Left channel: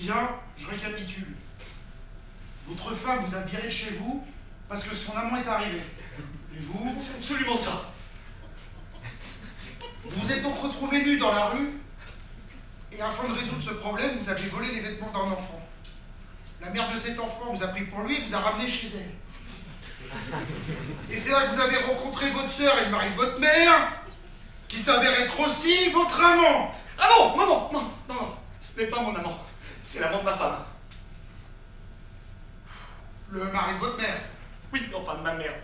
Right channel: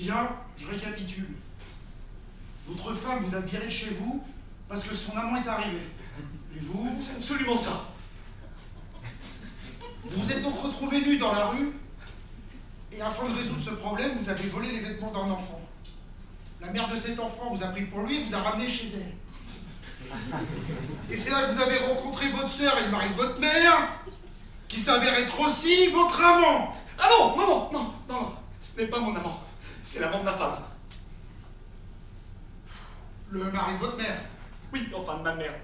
Bien, je récapitule. Votre femme vous a viré de chez vous parce que son amant est arrivé. Et vous? C'est absolument ça. Vous vous êtes donc retrouvé nu dans la rue et afin de résoudre ce problème, vous avez volé les vêtements d'un enfant. La mère de cet enfant vous a pris pour lui et vous a ramené chez elle. Et c'est là que vous avez rencontré votre sœur et le mari de votre mère, qui s'avère être aussi votre amant. Ah non, non, non, non, non, non. Ce n'est pas mon amant. C'est l'amant de ma femme. Le mari de votre mère? Oui, enfin de ma mère.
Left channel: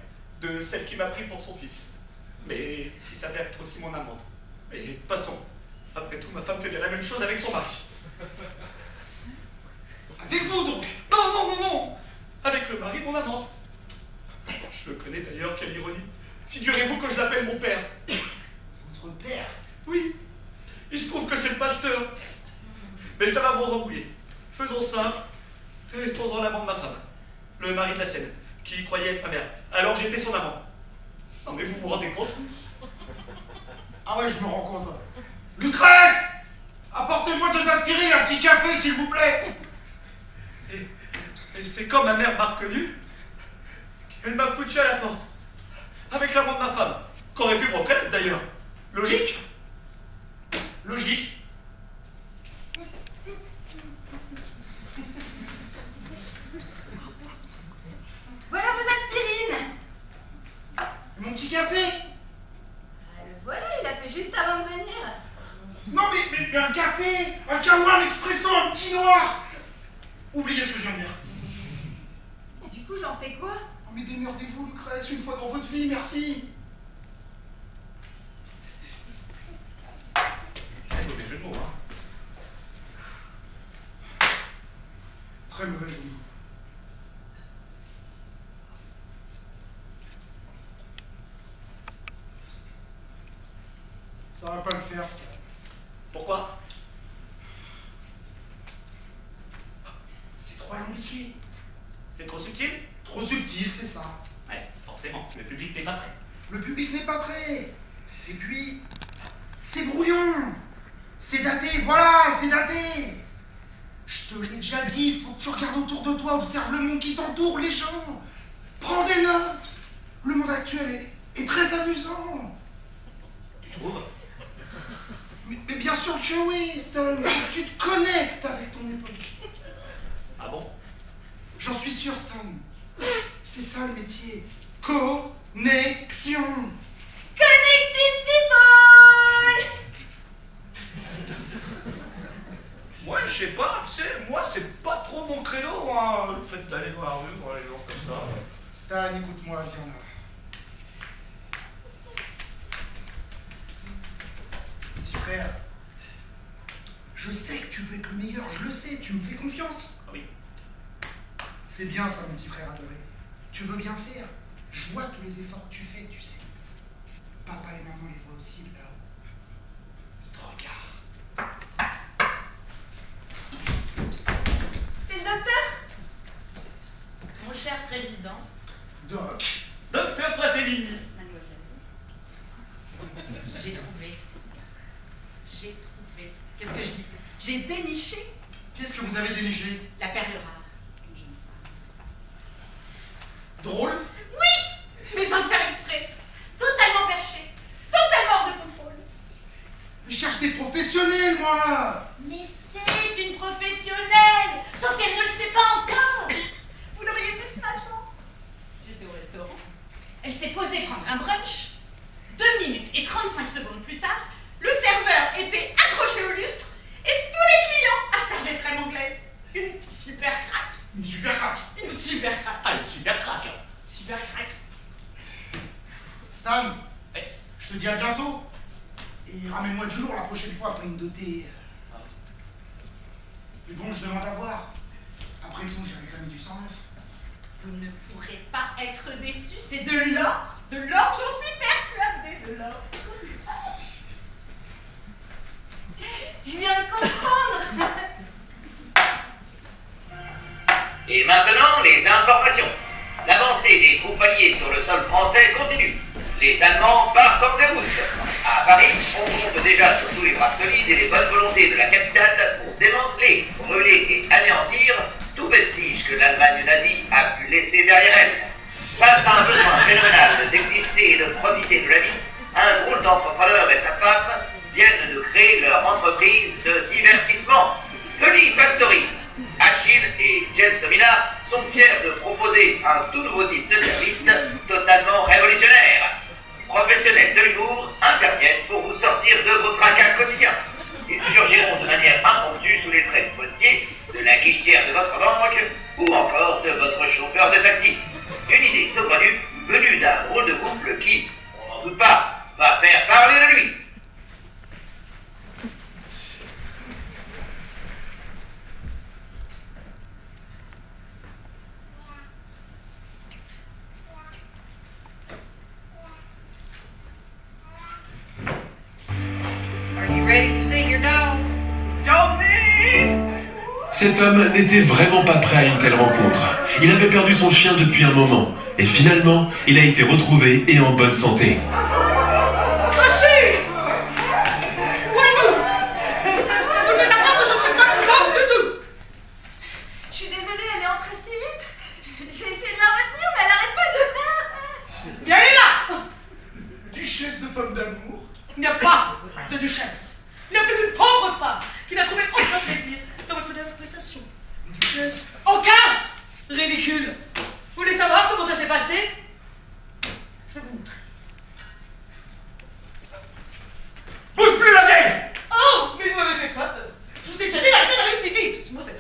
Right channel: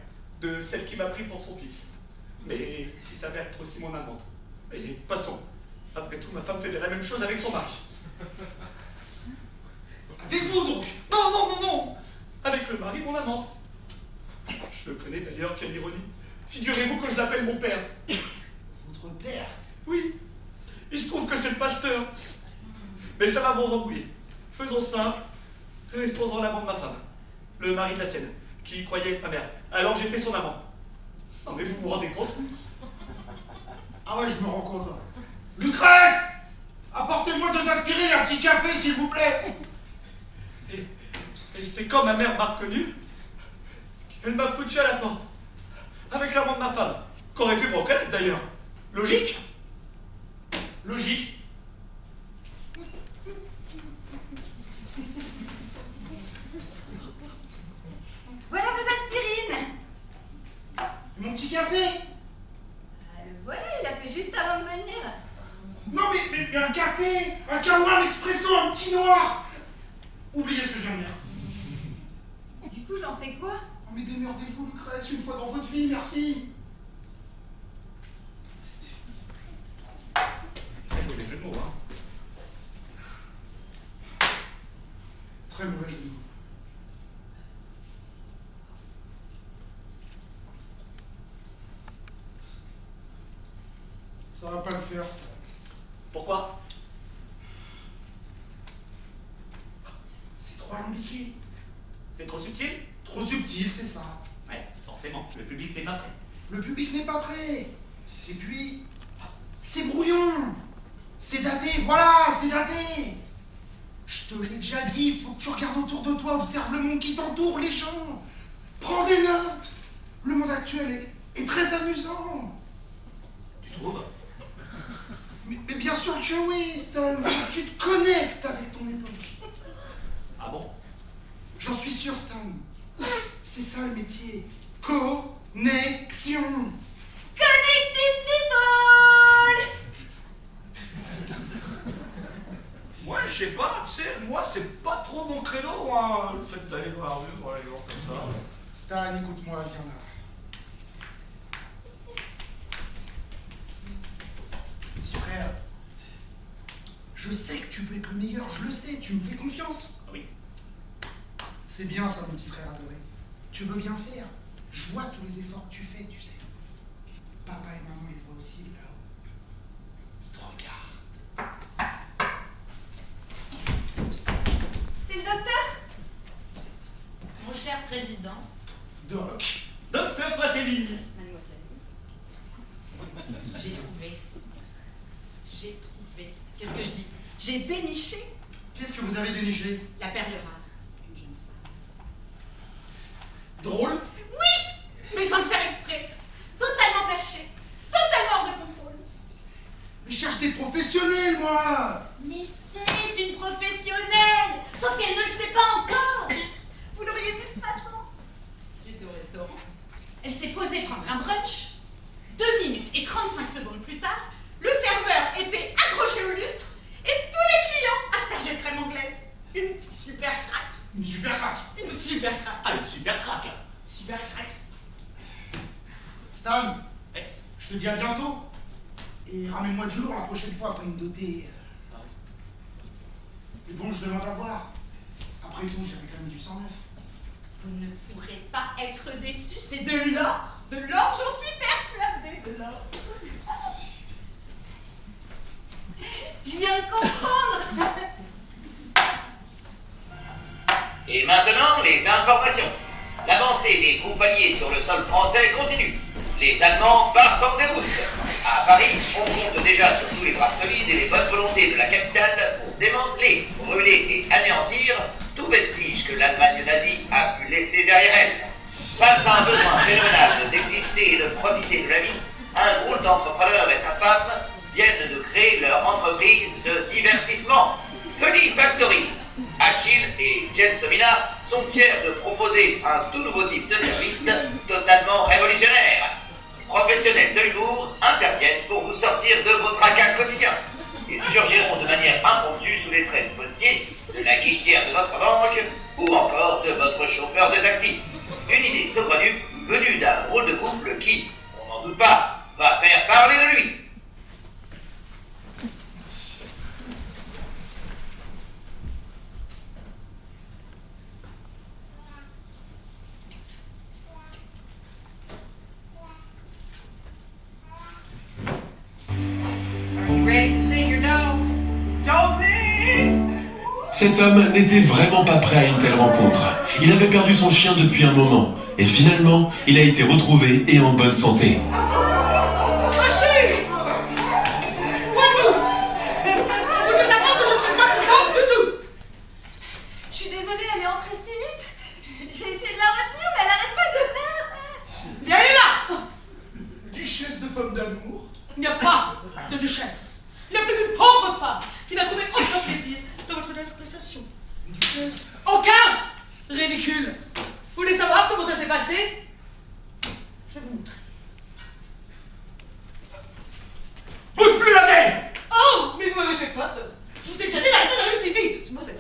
De celle qui m'a pris pour son fils. Mais qui s'avère être aussi mon amante. Mais passons. Après tout, ma femme fait bien la même chose avec son mari. Avec vous donc? Non, non, non, non. Avec le mari de mon amante. Je le connais d'ailleurs, quelle ironie. Figurez-vous que je l'appelle mon père. Votre père? Oui. Il se trouve que c'est le pasteur. Mais ça va vous rebrouiller. Faisons simple. Restons-en l'amant de ma femme. Le mari de la sienne, qui croyait être ma mère. Alors j'étais son amant. Non mais vous vous rendez compte? Ah ouais, je me rends compte. Lucrèce! Apportez-moi 2 aspirines et un petit café, s'il vous plaît. Et c'est quand ma mère m'a reconnu qu'elle m'a foutu à la porte. Avec l'amant de ma femme. Qu'aurait pu me reconnaître d'ailleurs. Logique? Logique. Voilà vos aspirines. Et mon petit café? Le voilà, il a fait juste avant de venir. Non mais un café! Un kawa, un expresso, un petit noir! Oubliez ce que je viens de dire. Et du coup, j'en fais quoi? Oh, mais démerdez-vous, Lucrèce, une fois dans votre vie, merci. Très mauvais jeu de mots, hein. Très mauvais jeu de mots. Ça va pas le faire, ça. Pourquoi? C'est trop alambiqué. C'est trop subtil? Trop subtil, c'est ça. Ouais, forcément, le public n'est pas prêt. Le public n'est pas prêt. Et puis, c'est brouillon. C'est daté, voilà, c'est daté. Je te l'ai déjà dit, il faut que tu regardes autour de toi, observe le monde qui t'entoure, les gens. Prends des notes. Le monde actuel est très amusant. Tu trouves? Mais bien sûr que oui, Stan. Faut que tu te connectes avec ton époque. Ah bon? J'en suis sûr, Stan. C'est ça le métier. Connexion. Connected people. Ouais, je sais pas, tu sais, moi c'est pas trop mon credo, hein, le fait d'aller dans la rue, voir les gens comme ça. Stan, écoute-moi, viens là. Petit frère, je sais que tu peux être le meilleur, je le sais, tu me fais confiance. Ah oui. C'est bien ça, mon petit frère adoré. Tu veux bien faire. Je vois tous les efforts que tu fais, tu sais. Papa et maman les voient aussi là-haut. Ils te regardent. C'est le docteur? Mon cher président. Doc. Docteur Fratellini. Mademoiselle. J'ai trouvé. Qu'est-ce que je dis? J'ai déniché Qu'est-ce que vous avez déniché? la perle rare d'une jeune femme. Drôle? Oui, mais sans le faire exprès. Totalement perché. Totalement hors de contrôle. Je cherche des professionnels, moi. Mais c'est une professionnelle. Sauf qu'elle ne le sait pas encore. Vous l'auriez vu ce matin. J'étais au restaurant. Elle s'est posée prendre un brunch. 2 minutes et 35 secondes plus tard, le serveur était accroché au lustre et tous les clients aspergeaient de crème anglaise. Une super craque. Une super craque. Une super craque. Ah, une super craque. Super craque. Stan, Eh, je te dis à bientôt. Et ramène-moi du lourd la prochaine fois après une dotée. ah, Mais bon, je demande à voir. Après tout, j'ai réclamé du 109. Vous ne pourrez pas être déçus, c'est de l'or. De l'or, j'en suis persuadée, de l'or. Je viens de comprendre. Et maintenant, les informations. L'avancée des troupes alliées sur le sol français continue. Les Allemands partent en déroute. À Paris, on compte déjà sur tous les bras solides et les bonnes volontés de la capitale pour démanteler, brûler et anéantir tout vestige que l'Allemagne nazie a pu laisser derrière elle. Face à un besoin phénoménal d'exister et de profiter de la vie, un groupe d'entrepreneurs et sa femme viennent de créer leur entreprise de divertissement, Funny Factory. Achille et Gelsomina sont fiers de proposer un tout nouveau type de service totalement révolutionnaire. Professionnels de l'humour interviennent pour vous sortir de vos tracas quotidiens. Ils surgiront de manière impromptue sous les traits du postier, de la guichetière de votre banque ou encore de votre chauffeur de taxi. Une idée saugrenue venue d'un drôle de couple qui, on n'en doute pas, va faire parler de lui. Cet homme n'était vraiment pas prêt à une telle rencontre. Il avait perdu son chien depuis un moment, et finalement, il a été retrouvé et en bonne santé. Achille! Où êtes-vous? Vous devez apprendre que je ne suis pas contente du tout! Je suis désolée, elle est entrée si vite. J'ai essayé de la retenir, mais elle n'arrête pas de... Bien là! Duchesse de pommes d'amour. Il n'y a pas de duchesse. Il n'y a plus qu'une pauvre femme qui n'a trouvé aucun plaisir dans votre dernière prestation. Mais duchesse, Aucun! Ridicule! Vous voulez savoir comment ça s'est passé? Je vais vous montrer. Bouge plus la vieille! Oh! Mais vous m'avez fait peur! Je vous ai déjà dit d'arrêter d'aller si vite! C'est mauvais.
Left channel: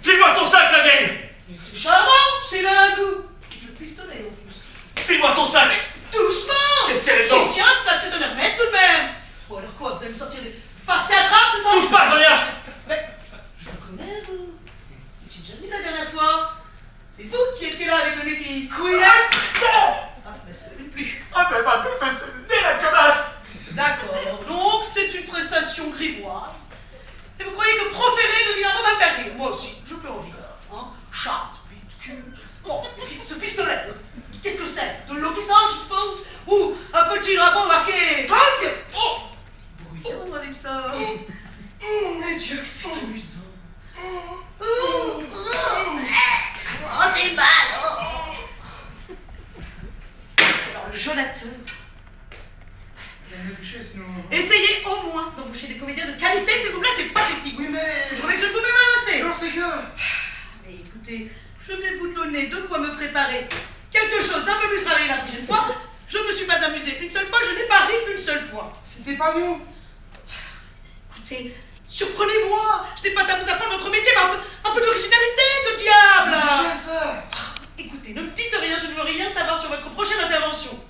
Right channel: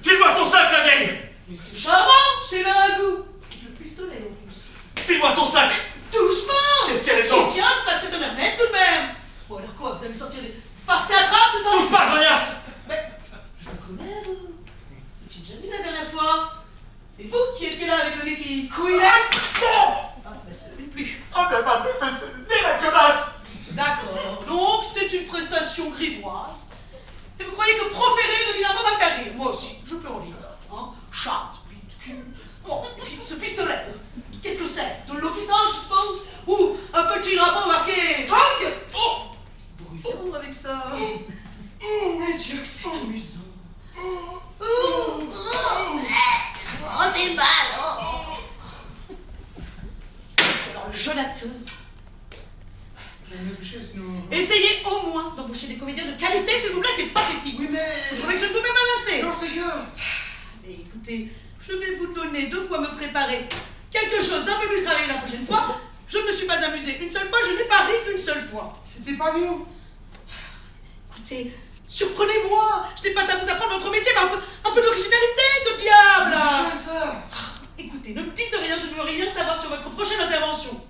File-moi ton sac, la vieille! Mais c'est charmant! C'est là un goût! Le pistolet en plus. File-moi ton sac! Doucement! Qu'est-ce qu'elle est donc? Tiens, ça c'est un Hermès tout de même! Bon alors quoi, vous allez me sortir des farces et attrapes, c'est ça? Touche pas, grognasse! Mais, je vous connais, vous. J'ai déjà vu la dernière fois. C'est vous qui étiez là avec le nez qui couinait. Non! Ah, mais ça ne plus. Ah ben ma défesse de nez, la connasse! D'accord, donc c'est une prestation grivoise. Et vous croyez que proférer le vilain mot va me faire rire? Moi aussi, je peux en rire. Hein? Chatte, bite, cul. Bon, et puis ce pistolet, qu'est-ce que c'est? De l'eau qui sort, je suppose? Ou un petit drapeau marqué Bang! Oh! Bruyant avec ça. Mon Dieu, que c'est amusant. Oh, c'est mal. Alors, le jeune acteur. Madame la duchesse, nous... Essayez au moins d'embaucher des comédiens de qualité, s'il vous plaît, c'est pathétique. Oui, mais... Vous trouvez que je ne pouvais pas assez? Non, c'est que... Mais écoutez, je vais vous donner de quoi me préparer quelque chose d'un peu plus travaillé la prochaine fois. Je ne me suis pas amusée une seule fois, je n'ai pas ri une seule fois. C'était pas nous. Écoutez, surprenez-moi. Je n'ai pas à vous apprendre votre métier, mais un peu d'originalité, que diable! Duchesse. Écoutez, ne me dites rien, je ne veux rien savoir sur votre prochaine intervention.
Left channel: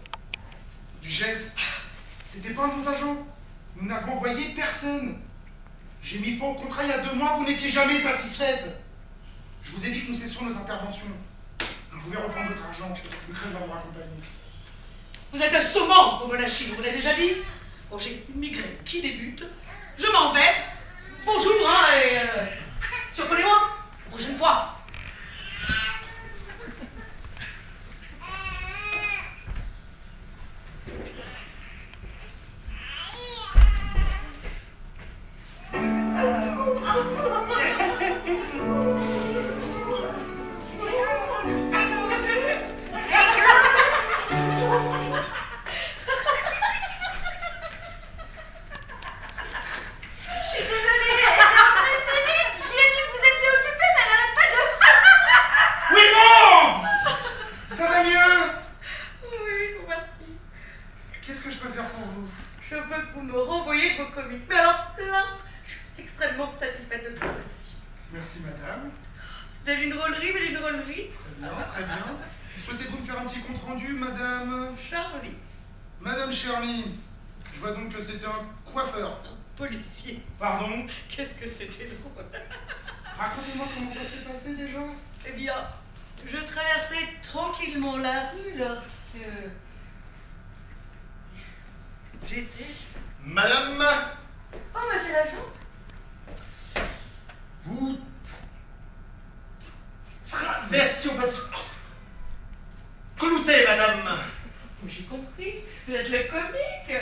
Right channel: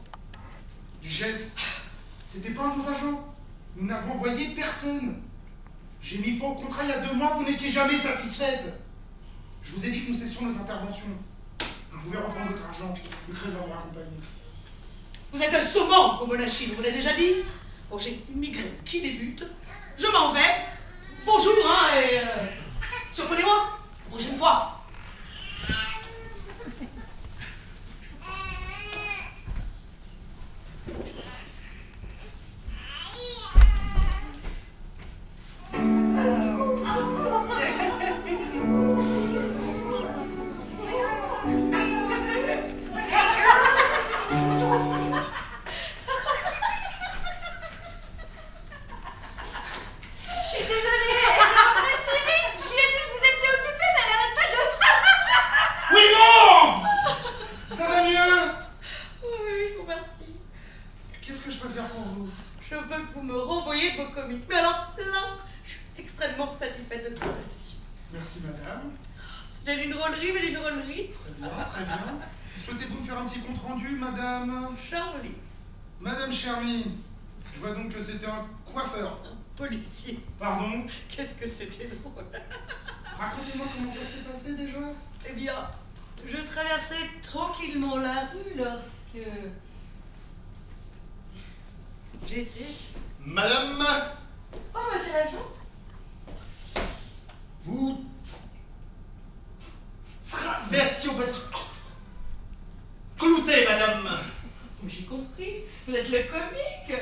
Duchesse, c'était pas un de nos agents. Nous n'avons envoyé personne. J'ai mis fin au contrat il y a 2 mois, vous n'étiez jamais satisfaite. Je vous ai dit que nous cessions nos interventions. Vous pouvez reprendre votre argent, Lucrèce va vous raccompagner. Vous êtes un saumon, mon bon Achille, on vous l'a déjà dit? Bon, j'ai une migraine qui débute. Je m'en vais. Bonjour, hein, et... surprenez-moi, la prochaine fois. Je suis désolée, elle est entrée si vite. Je lui ai dit que vous étiez occupée, mais elle n'arrête pas de... Oui, bon. Ça va mieux. Oui, je vous remercie. Qu'est-ce que je peux faire pour vous? Je veux que vous me renvoyiez vos comiques. Mais alors là, je suis extrêmement satisfaite de votre prestation. Merci, madame. C'était une drôlerie, mais une drôlerie. Très bien, très bien. Souhaitez-vous me faire un petit compte-rendu, madame? Charlie, Madame Cherny, je vois donc que c'était un coiffeur. un policier. Pardon? Qu'est-ce que c'était drôle. Racontez-moi comment ça s'est passé déjà. Eh bien, je traversais tranquillement la rue lorsque... j'étais... Madame, Oh, monsieur l'agent. vous traversiez au passage. Clouté, madame. J'ai compris, vous êtes le comique.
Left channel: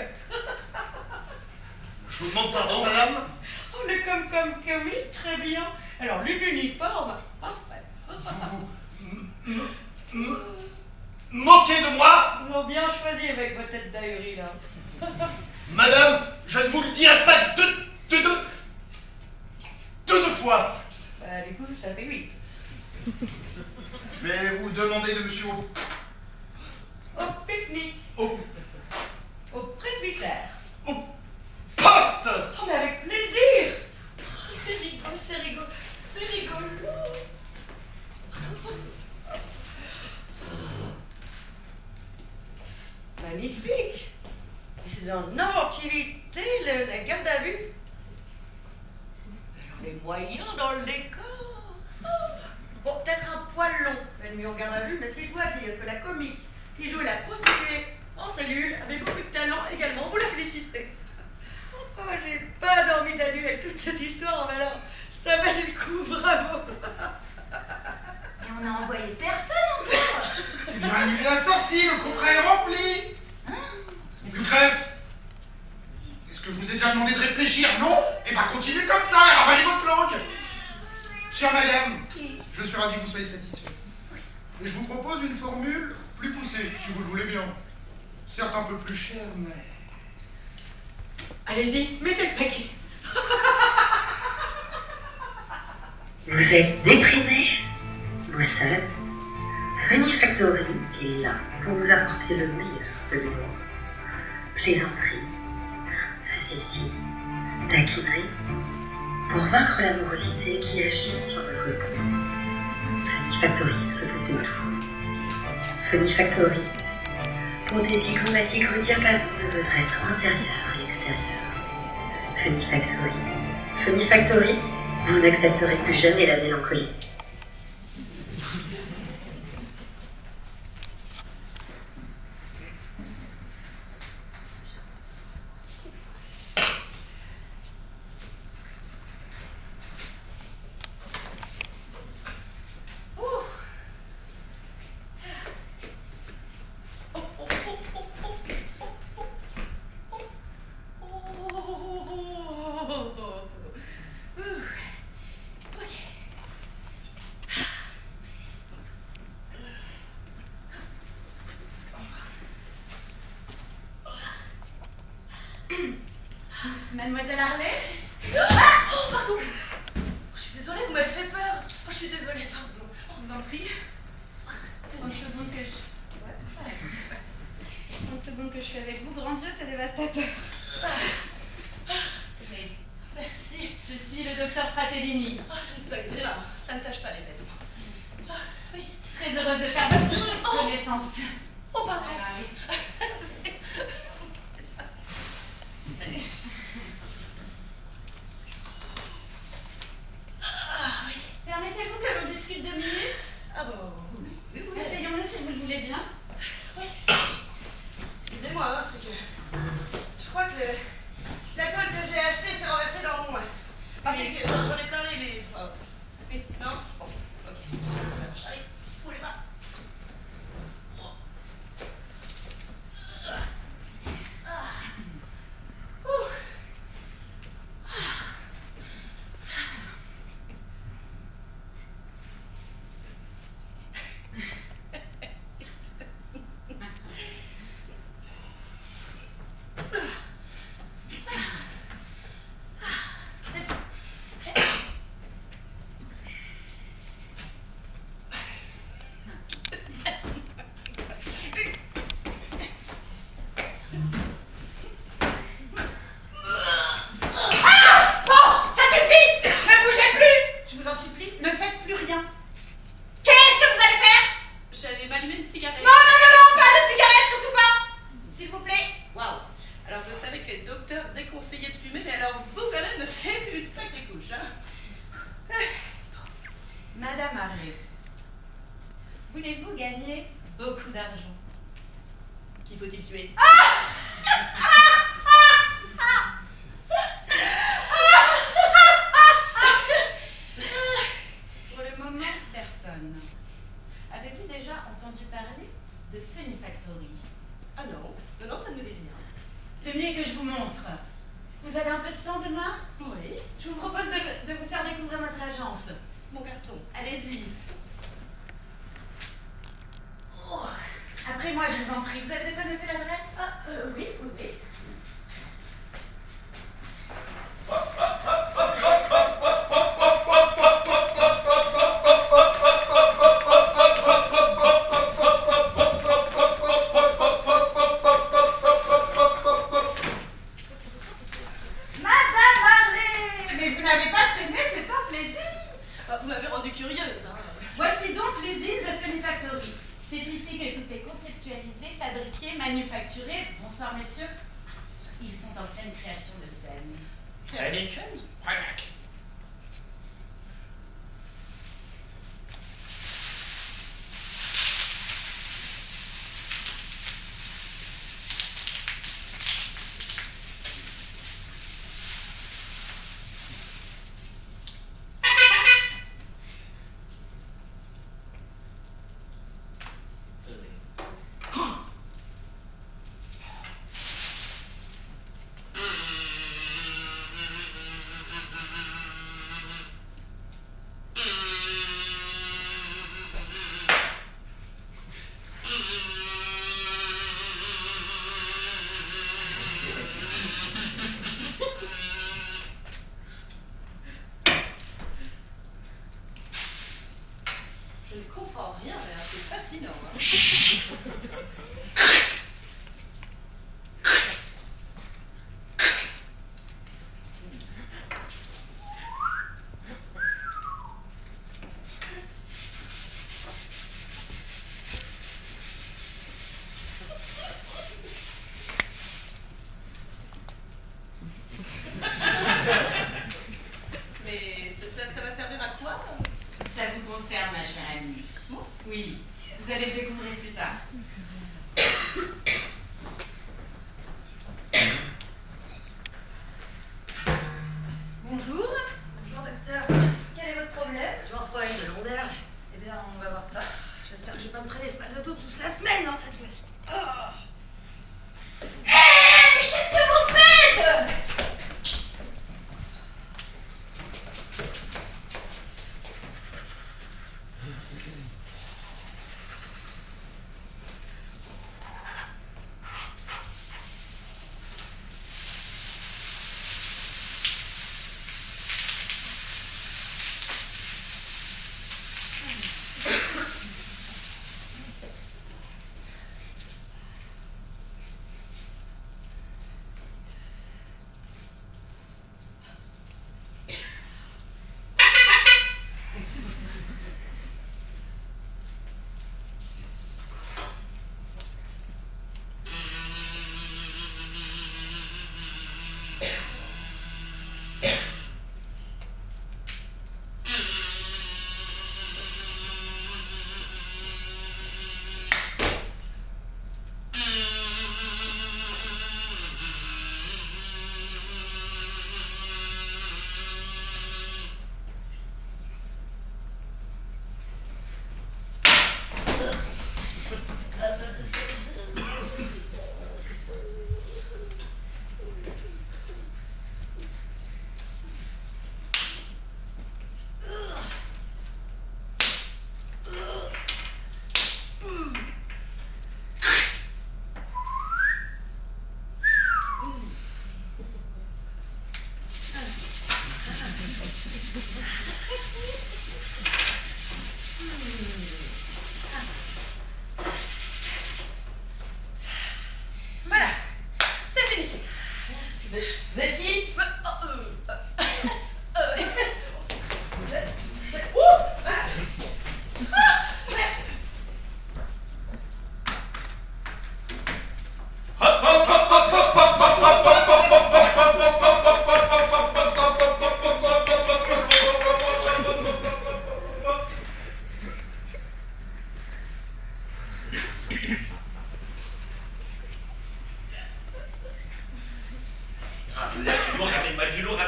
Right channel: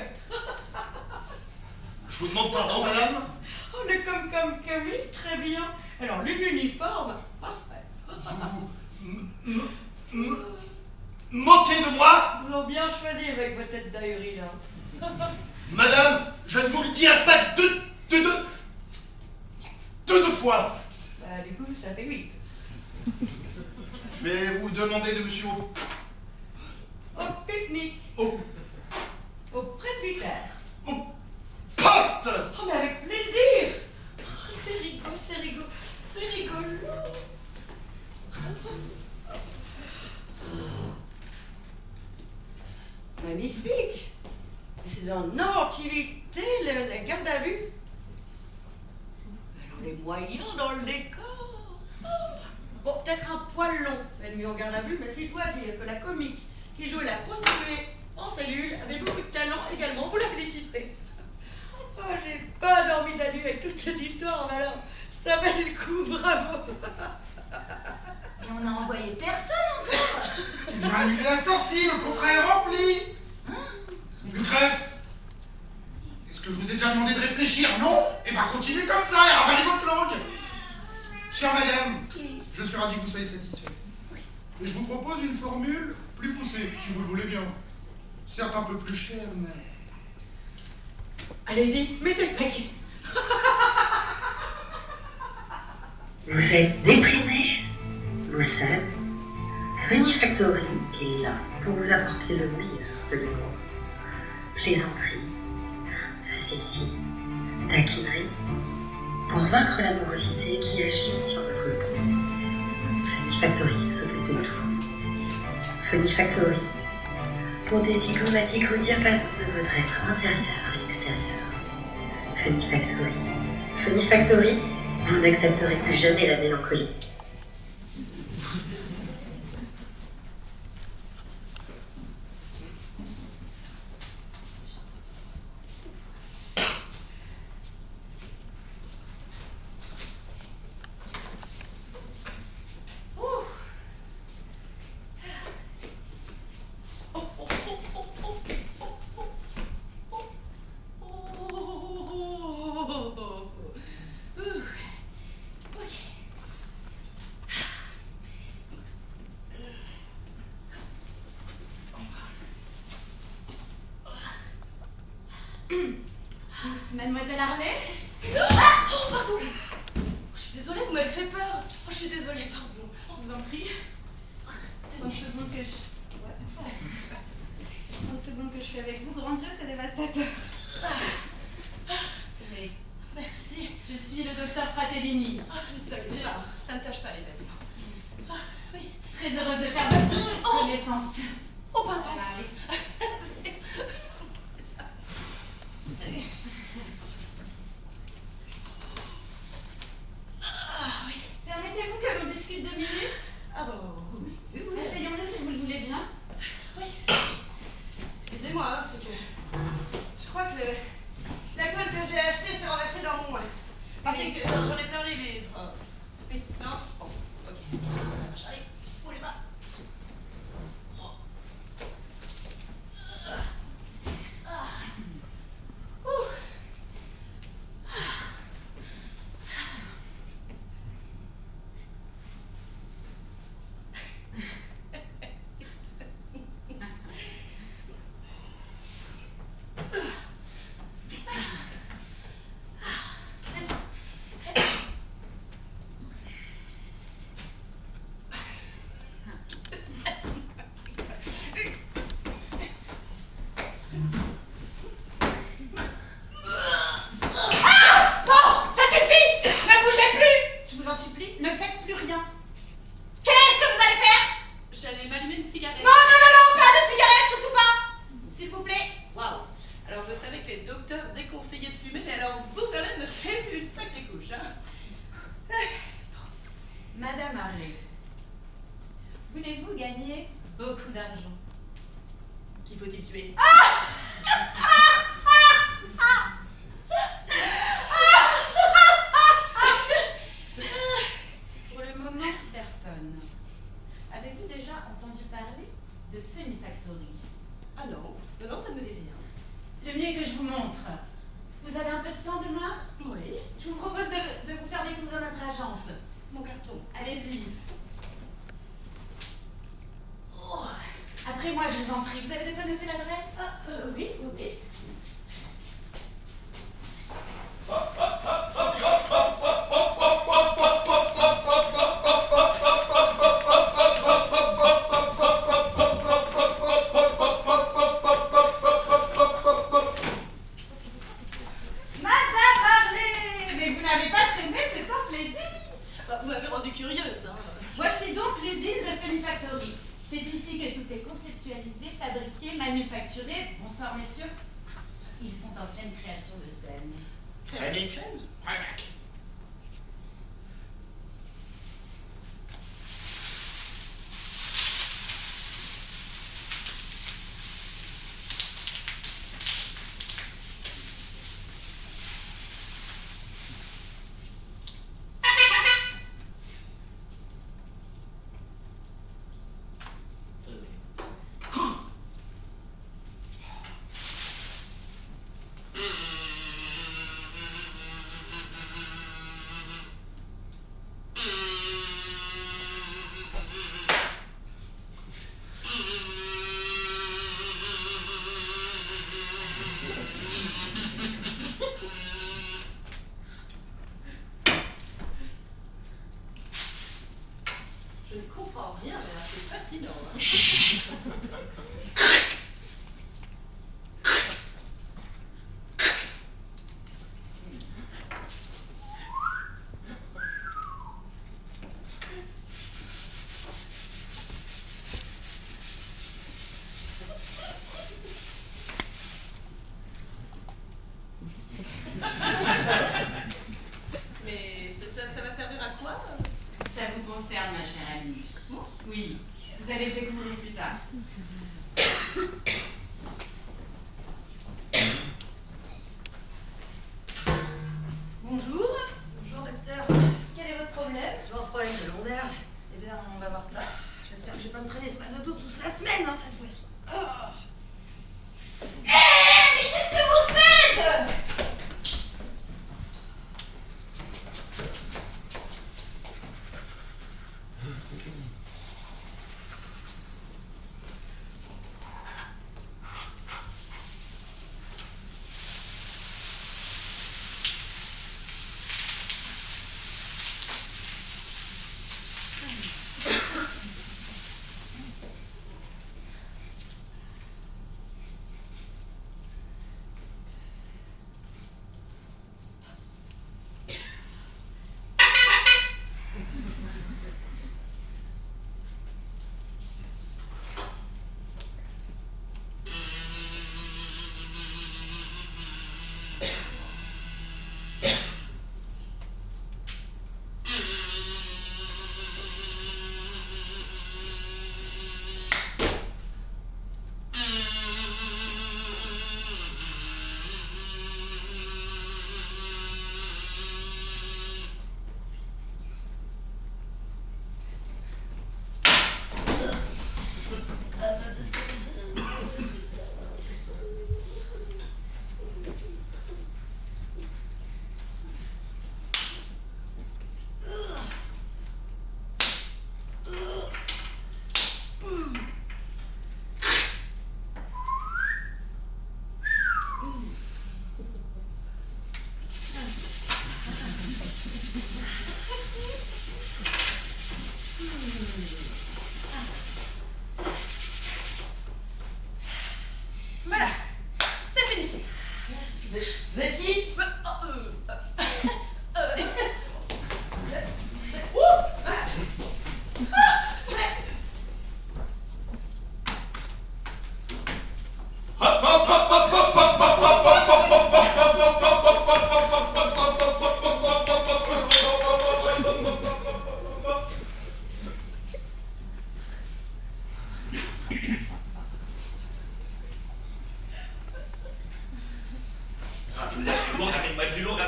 Je vous demande pardon, madame. Oh, le comme Camille, très bien. Alors, l'uniforme, parfait. Vous moquez de moi? Vous avez bien choisi avec votre tête d'ahurie, là. Madame, je ne vous le dirai pas deux fois. Bah, du coup, ça fait 8. Je vais vous demander de monsieur Au pique-nique, au presbytère. poste. Oh, mais avec plaisir. Oh, c'est rigolo. Magnifique. Et c'est dans l'inventivité, la garde à vue. Alors, les moyens dans le décor. Bon, peut-être un poil long, la nuit en garde à vue, mais si je dois dire que la comique qui joue la prostituée en cellule avait beaucoup de talent également, vous la féliciterez. Oh, j'ai pas dormi de la nuit avec toute cette histoire, mais alors, ça valait le coup, bravo. Mais on n'a envoyé personne encore. Eh bien, lui, il a sorti, le contrat est rempli. Lucrèce, est-ce que je vous ai déjà demandé de réfléchir? Non? Eh bien, continuez comme ça et ravalez votre langue. Chère madame, je suis ravi que vous soyez satisfait. Et je vous propose une formule plus poussée, si vous le voulez bien. Certes un peu plus chère, mais... Allez-y, mettez le paquet. Vous êtes déprimé, maussade, Funny Factory est là pour vous apporter le meilleur de l'humour. Plaisanterie, facétie, taquinerie, pour vaincre l'amorosité qui agit sur votre peau. Funny Factory s'occupe de tout. Funny Factory, pour des zygomatiques au diapason de votre être intérieur et extérieur. Funny Factory. Funny Factory, vous n'accepterez plus jamais la mélancolie. Mademoiselle Harley? Ah, oh, pardon. Je suis désolée, vous m'avez fait peur. Oh, je suis désolée, pardon. Je vous en prie. 30 secondes que je... 30 secondes que je suis avec vous, grand Dieu, c'est dévastateur. Mais Merci. je suis le docteur Fratellini. Ne vous inquiétez pas, ça ne tâche pas les vêtements. Oui. Très heureuse de faire votre connaissance. Oh, pardon. Ah, oui. Ah, oui. Permettez-vous que l'on discute 2 minutes? Ah, bah, oui. Essayons-le si vous le voulez bien. Oui. Excusez-moi, hein, c'est que je crois que l'alcool que j'ai acheté s'est renversé dans mon... Parce que j'en ai plein les... Oui, non? Bon, ok. Ça marche. Allez, pour les mains. Madame Harley, voulez-vous gagner beaucoup d'argent? Qui faut-il tuer? Pour le moment, personne. Avez-vous déjà entendu parler de Funny Factory? Ah non, non, ça ne me dit rien. Le mieux que je vous montre. Vous avez un peu de temps demain? Oui. Je vous propose de vous faire découvrir notre agence. Mon carton. Allez-y. Oh. Après moi, je vous en prie. Vous avez de quoi noter l'adresse? Oui, oui. Madame Marley! Mais vous n'avez pas traîné, c'est un plaisir. Vous m'avez rendue curieuse, hein. Voici donc l'usine de Funifactory. C'est ici que tout est conceptualisé, fabriqué, manufacturé. Bonsoir, messieurs. Ils sont en pleine création de scène. Création? Je ne comprends rien, mais c'est fascinant, hein. Mais ça va servir à quoi? Ça vous concerne, ma chère amie. Bon. Oui, vous allez le découvrir plus tard. Bonjour. Bonjour, docteur. Quel est votre problème? Je pense problème de lombaire. Eh bien, on va voir ça. J'espère que je vais pas me traîner ce mal de dos toute la semaine, hein, cette fois-ci. Oh. Mais qu'est-ce que vous faites?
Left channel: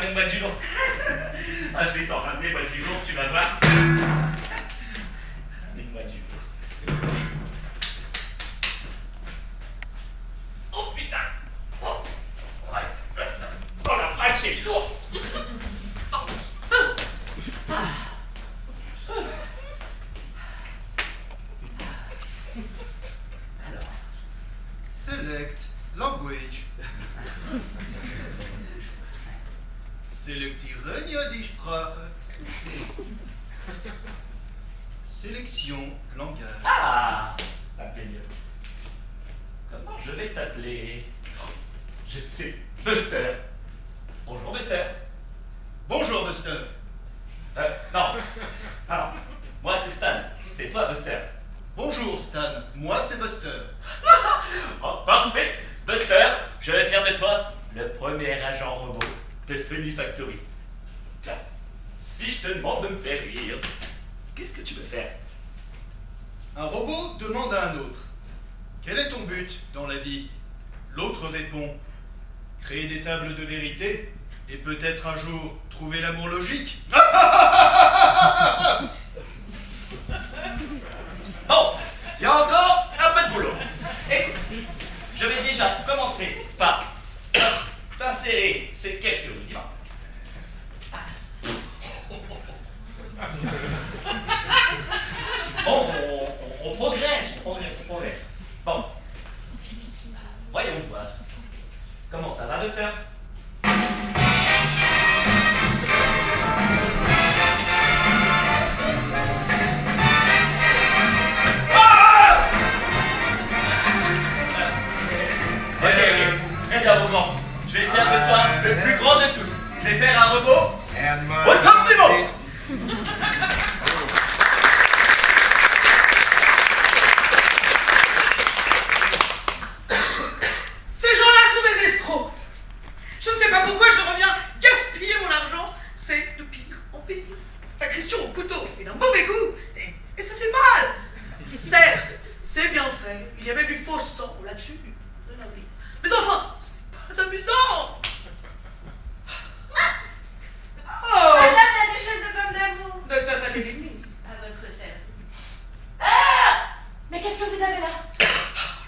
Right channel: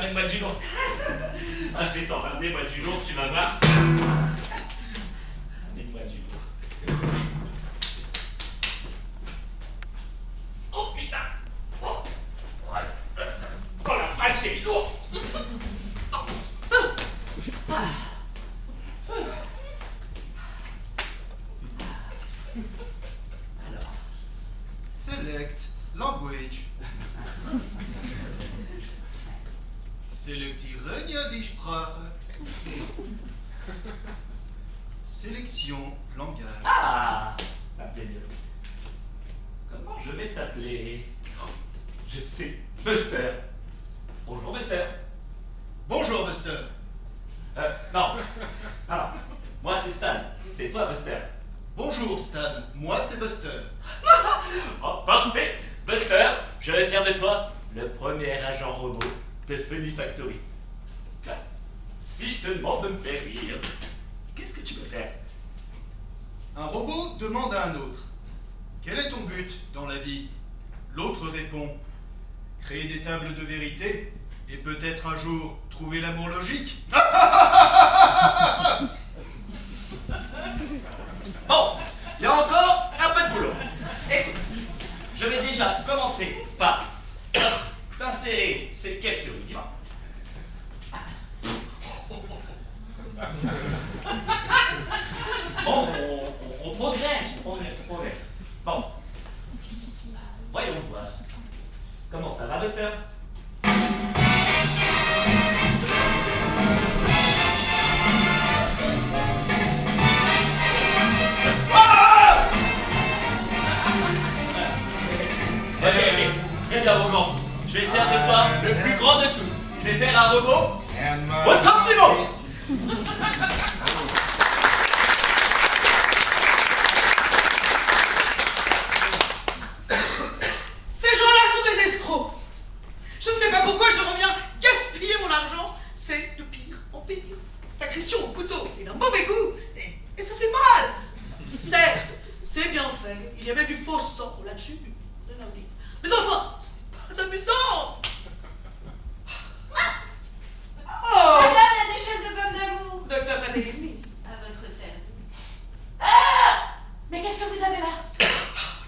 ramène-moi du lourd. Ah, je vais t'en ramener, moi, du lourd, tu vas voir. Ramène-moi du lourd. Oh, putain. Oh, oh la est lourd. Alors, Select language. Selektieren die Sprache. Sélection langage. ah, ça me plaît mieux. Comment je vais t'appeler? Je sais, Buster. Bonjour Buster. Bonjour Buster. Non, alors, moi c'est Stan, c'est toi Buster. Bonjour Stan, moi c'est Buster. Oh, parfait. Buster, je vais faire de toi le premier agent robot de Funny Factory. Tiens, si je te demande de me faire rire, qu'est-ce que tu peux faire? Un robot demande à un autre: quel est ton but dans la vie? L'autre répond: créer des tables de vérité et peut-être un jour trouver l'amour logique. Bon, il y a encore un peu de boulot. Écoute, je vais déjà commencer par t'insérer ces quelques rudiments. Bon, on progresse. Bon, voyons voir. Comment ça va, Buster? Ok, très bien, moment. Je vais faire de toi le plus grand de tous. Je vais faire un robot au top niveau. Ces gens-là sont des escrocs. Je ne sais pas pourquoi je reviens gaspiller mon argent. C'est de pire en pire. Cette agression au couteau est d'un mauvais goût et ça fait mal. Certes, c'est bien fait. Il y a même du faux sang là-dessus. Mais enfin, ce n'est pas amusant. Oh, Madame la duchesse de Bonne d'amour, Docteur Fatelini. à votre service. Ah! Mais qu'est-ce que vous avez là?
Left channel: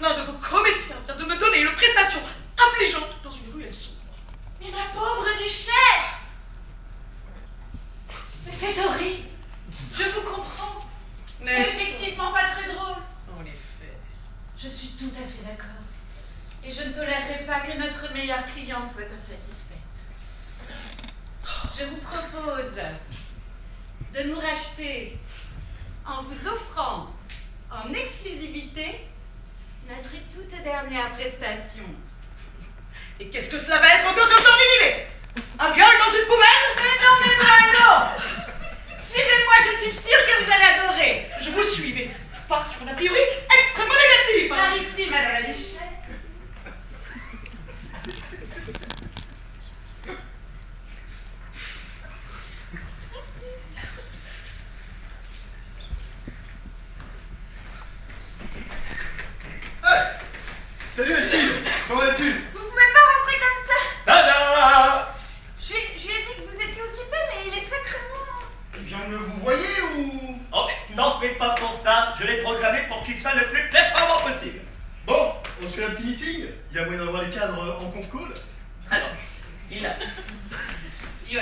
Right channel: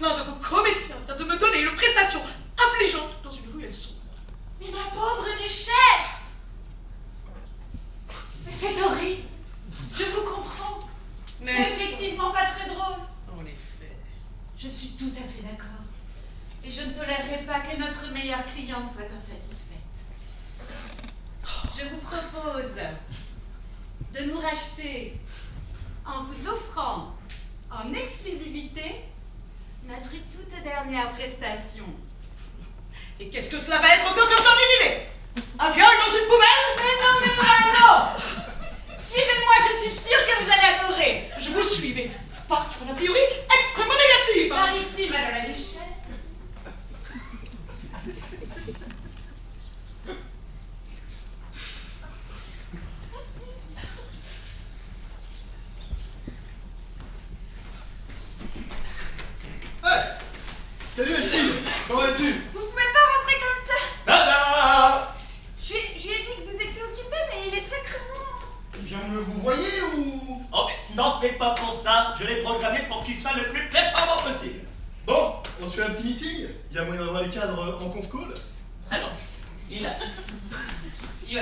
L'un de vos comédiens vient de me donner une prestation affligeante dans une ruelle sombre. Mais ma pauvre duchesse! Mais c'est horrible. Je vous comprends. C'est effectivement pas très drôle. En effet. Je suis tout à fait d'accord. Et je ne tolérerai pas que notre meilleure cliente soit insatisfaite. Je vous propose de nous racheter en vous offrant en exclusivité notre toute dernière prestation. Et qu'est-ce que cela va être encore comme ça en idée? Un viol dans une poubelle? Mais non, mais vraiment! Suivez-moi, je suis sûre que vous allez adorer. Je vous suis, mais je pars sur un a priori extrêmement négatif. Par ici, madame la duchesse. Salut Achille, comment vas-tu? Vous pouvez pas rentrer comme ça. Tada! Je lui ai dit que vous étiez occupé, mais il est sacrément... Il vient de vous voyez ou... Oh, mais n'en fais pas pour ça. Je l'ai programmé pour qu'il soit le plus performant possible. Bon, on se fait un petit meeting? Il y a moyen d'avoir les cadres en conf call? Alors, il a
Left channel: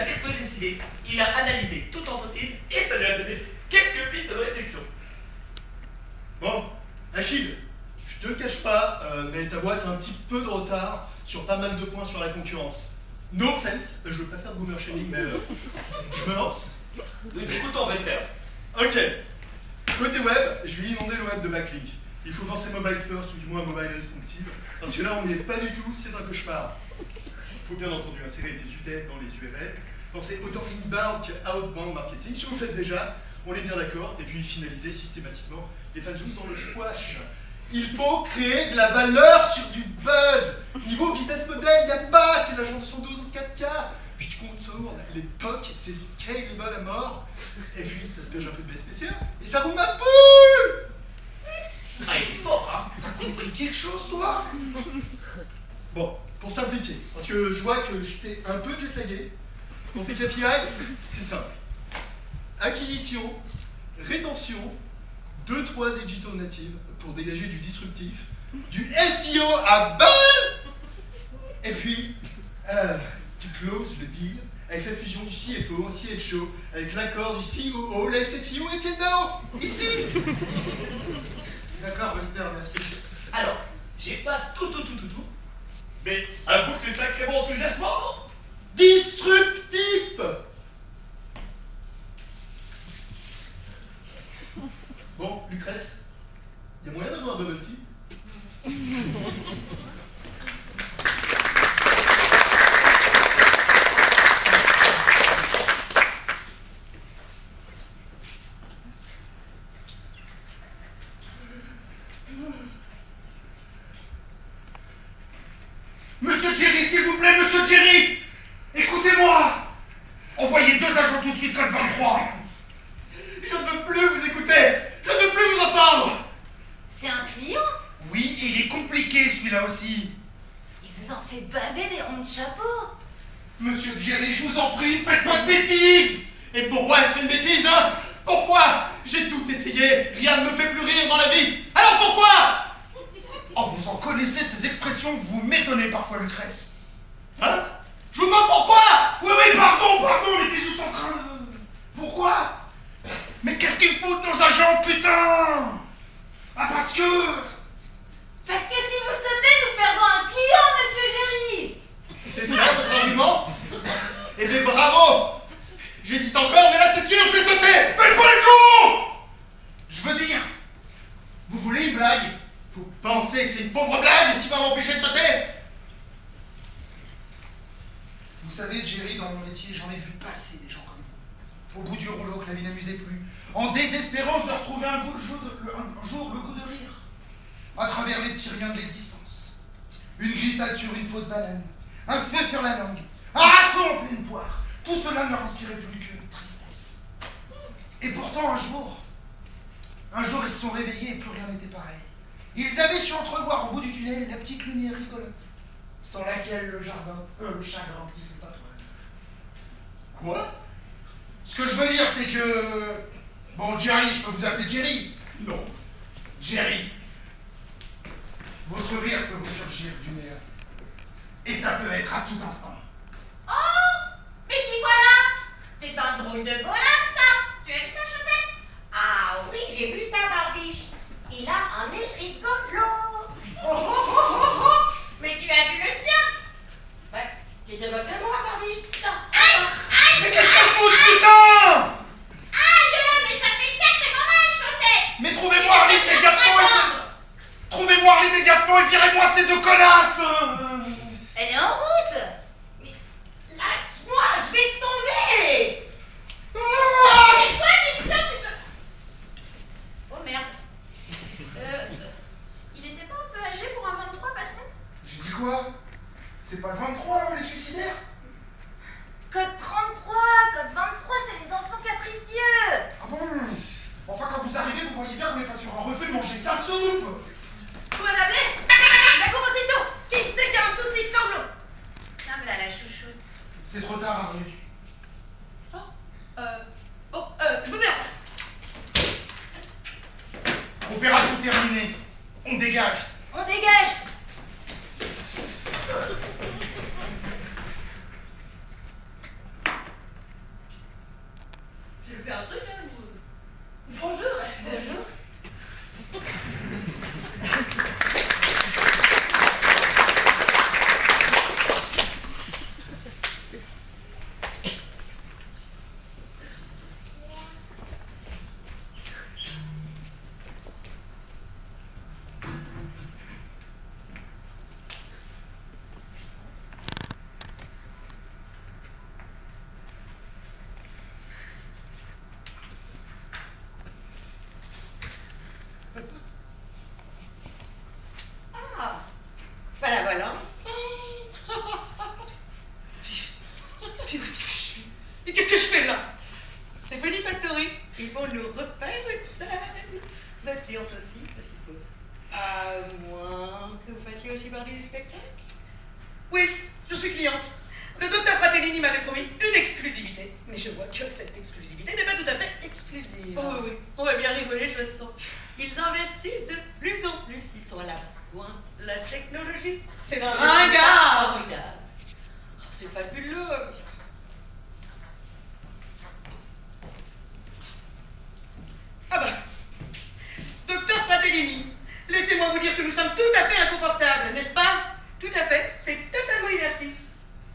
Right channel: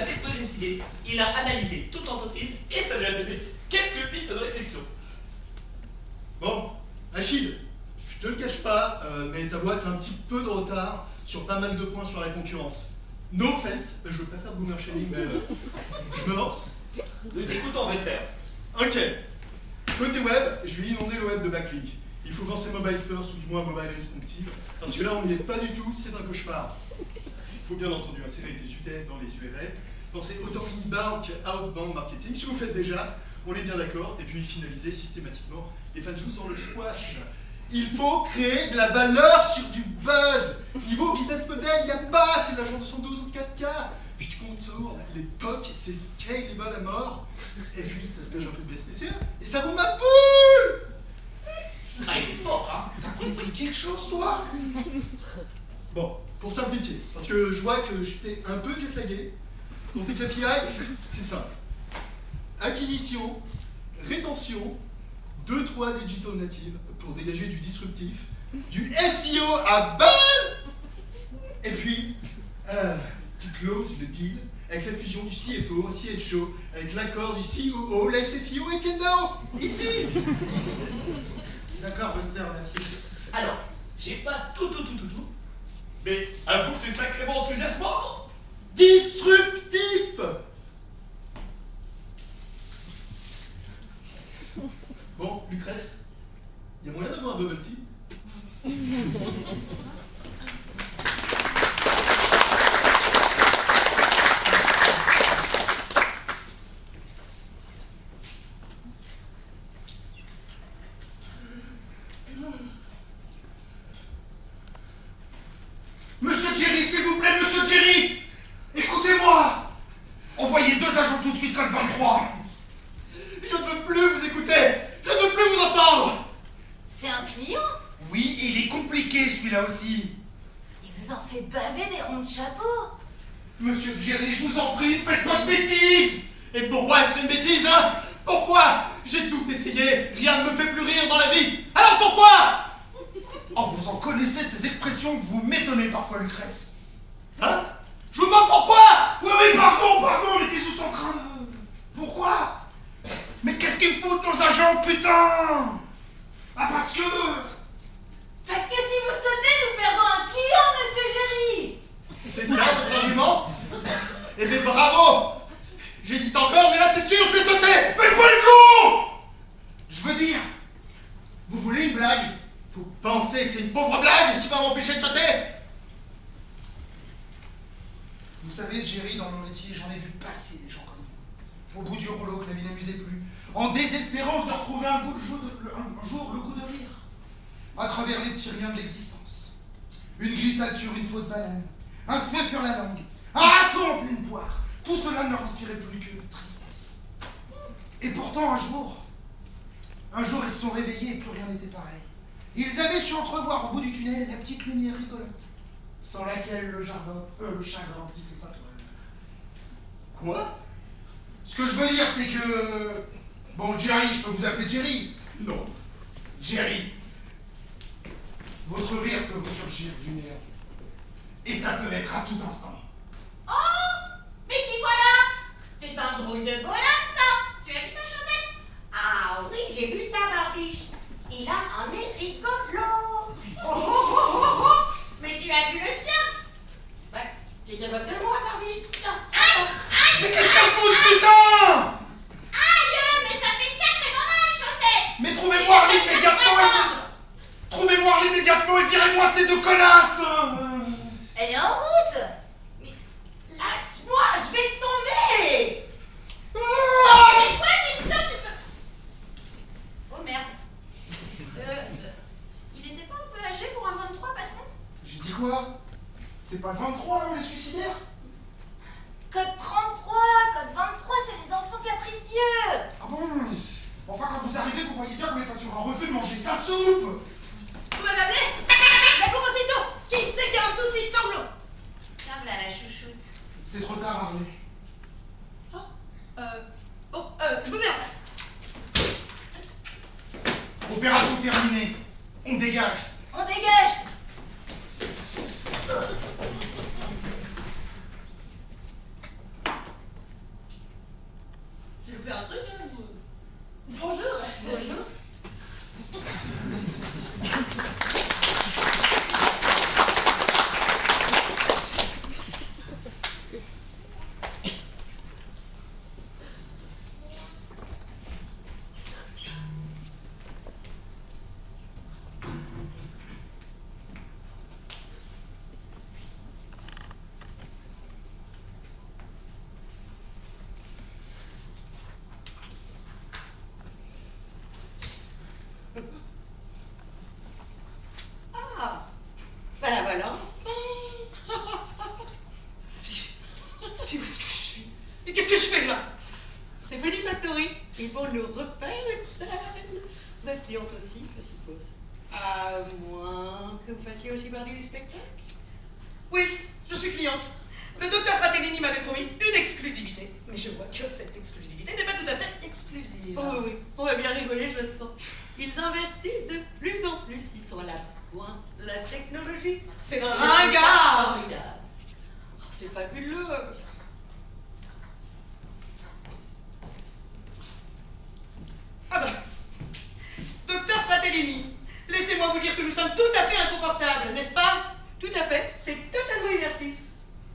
déposé ses idées, il a analysé toute l'entreprise et ça lui a donné quelques pistes de réflexion. Bon, Achille, je te le cache pas, mais ta boîte a un petit peu de retard sur pas mal de points sur la concurrence. No offense, je veux pas faire de boomer shaming, mais je me lance. Nous t'écoutons, Buster. Ok. Côté web, je vais inonder le web de backlinks. Il faut penser mobile first ou du moins mobile responsive, parce que là on n'y est pas du tout, c'est un cauchemar. Il faut bien entendu insérer des UTF dans les URL, pensez autant inbound que outbound marketing, ce que vous faites déjà, on est bien d'accord, et puis finaliser systématiquement les fanzines dans le squash. Il faut créer de la valeur sur du buzz. Niveau business model, il n'y a pas, c'est l'agent 212 en 4K. Puis tu contournes, l'époque, c'est scalable à mort. Et puis, t'as ce que j'ai un peu de BSPCE, et ça roule ma poule. Ah, il est fort, hein? T'as compris quelque chose, toi? Bon, pour simplifier, parce que je vois que j'étais un peu jetlagué. Quand t'es KPI, c'est simple. Acquisition, rétention, 2-3 digital natives pour dégager du disruptif, du SEO à balle, et puis qui close le deal avec la fusion du CFO, CHO, avec l'accord du COO, la SFIO et Tiendao. Easy. D'accord, Buster, merci. Alors, j'ai pas tout, mais avoue que c'est sacrément enthousiasmant. Disruptif. Bon, Lucrèce, il y a moyen d'avoir un bubble tea? Monsieur Jerry, s'il vous plaît, monsieur Jerry! Écoutez-moi! Envoyez 2 agents tout de suite, code 23! Je ne veux plus vous écouter. Je ne veux plus vous entendre. C'est un client? Oui, et il est compliqué celui-là aussi. Il vous en fait baver des ronds de chapeau. Monsieur Jerry, je vous en prie, faites pas de bêtises! Et pourquoi est-ce une bêtise, hein? Pourquoi? J'ai tout essayé, rien ne me fait plus rire dans la vie. Alors pourquoi? Oh, vous en connaissez de ces expressions que vous m'étonnez parfois, Lucrèce. Hein? Je vous demande pourquoi? Oui, pardon, on était juste en train de... Pourquoi? Mais qu'est-ce qu'ils foutent, nos agents, putain? Ah, parce que si vous sautez, nous perdons un client, monsieur Jerry. C'est ça votre argument? Eh bien bravo. J'hésite encore, mais là c'est sûr, je vais sauter. faites-moi le con! Je veux dire, vous voulez une blague? Vous pensez que c'est une pauvre blague qui va m'empêcher de sauter? Vous savez, Jerry, dans mon métier, j'en ai vu passer des gens comme vous. Au bout du rouleau, que la vie n'amusait plus. En désespérance de retrouver un jour le goût de rire. À travers les petits riens de l'existence. Une glissade sur une peau de banane. Un feu sur la langue. Un raton en pleine poire. Tout cela ne leur inspirait plus que tristesse. Et pourtant, un jour, ils se sont réveillés et plus rien n'était pareil. Ils avaient su entrevoir au bout du tunnel la petite lumière rigolote, sans laquelle le chagrin tisse sa toile. Quoi? Ce que je veux dire, c'est que... Bon, Jerry, je peux vous appeler Jerry? Non. Jerry. Votre rire peut vous surgir du néant. Et ça peut être à tout instant. Oh, mais qui voilà? C'est un drôle de bonhomme, ça. Tu as vu sa chaussette? Ah oui, j'ai vu ça, Barbiche. Il a un nez rigolo. Oh. Mais tu as vu le tien? Ouais, tu te moques de moi, Barbiche. Aïe, aïe. Mais qu'est-ce qu'elle fout, putain? Aïe, mais ça fait sacrément mal, chaussette. Mais trouvez-moi Harley immédiatement et virez-moi ces 2 connasses. Elle est en route. Mais lâche-moi, je vais tomber. Mais toi, tu me tiens, tu peux... Oh merde. Il était pas un peu âgé pour un 23, patron? J'ai dit quoi? C'est pas le 23, les suicidaires? Code 33, code 23, c'est les enfants capricieux. Ah bon? Enfin, quand vous arrivez, vous voyez bien qu'on n'est pas sur un refus de manger sa soupe. Vous m'avez appelé? La cour aussitôt. Qui c'est qui a un souci de sanglots? Tiens, voilà la chouchoute. C'est trop tard, Harley. Je me mets en place. Opération terminée. On dégage. On dégage. J'ai fait un truc, hein, vous... Bonjour. Bonjour. Voilà. Puis où est-ce que je suis? Et qu'est-ce que je fais là? C'est Funny Factory. Ils vont nous refaire une scène. Vous êtes cliente aussi, je suppose. À moins que vous fassiez aussi partie du spectacle. Oui, je suis cliente. Le docteur Fratellini m'avait promis une exclusivité. Mais je vois que cette exclusivité n'est pas tout à fait exclusive. Oh oui, on va bien rigoler, je le sens. Ils investissent de plus en plus. Ils sont à la pointe de la technologie. C'est ringard. C'est fabuleux. Ah bah, docteur Fratellini, laissez-moi vous dire que nous sommes tout à fait inconfortables, n'est-ce pas? Tout à fait, c'est totalement immersif.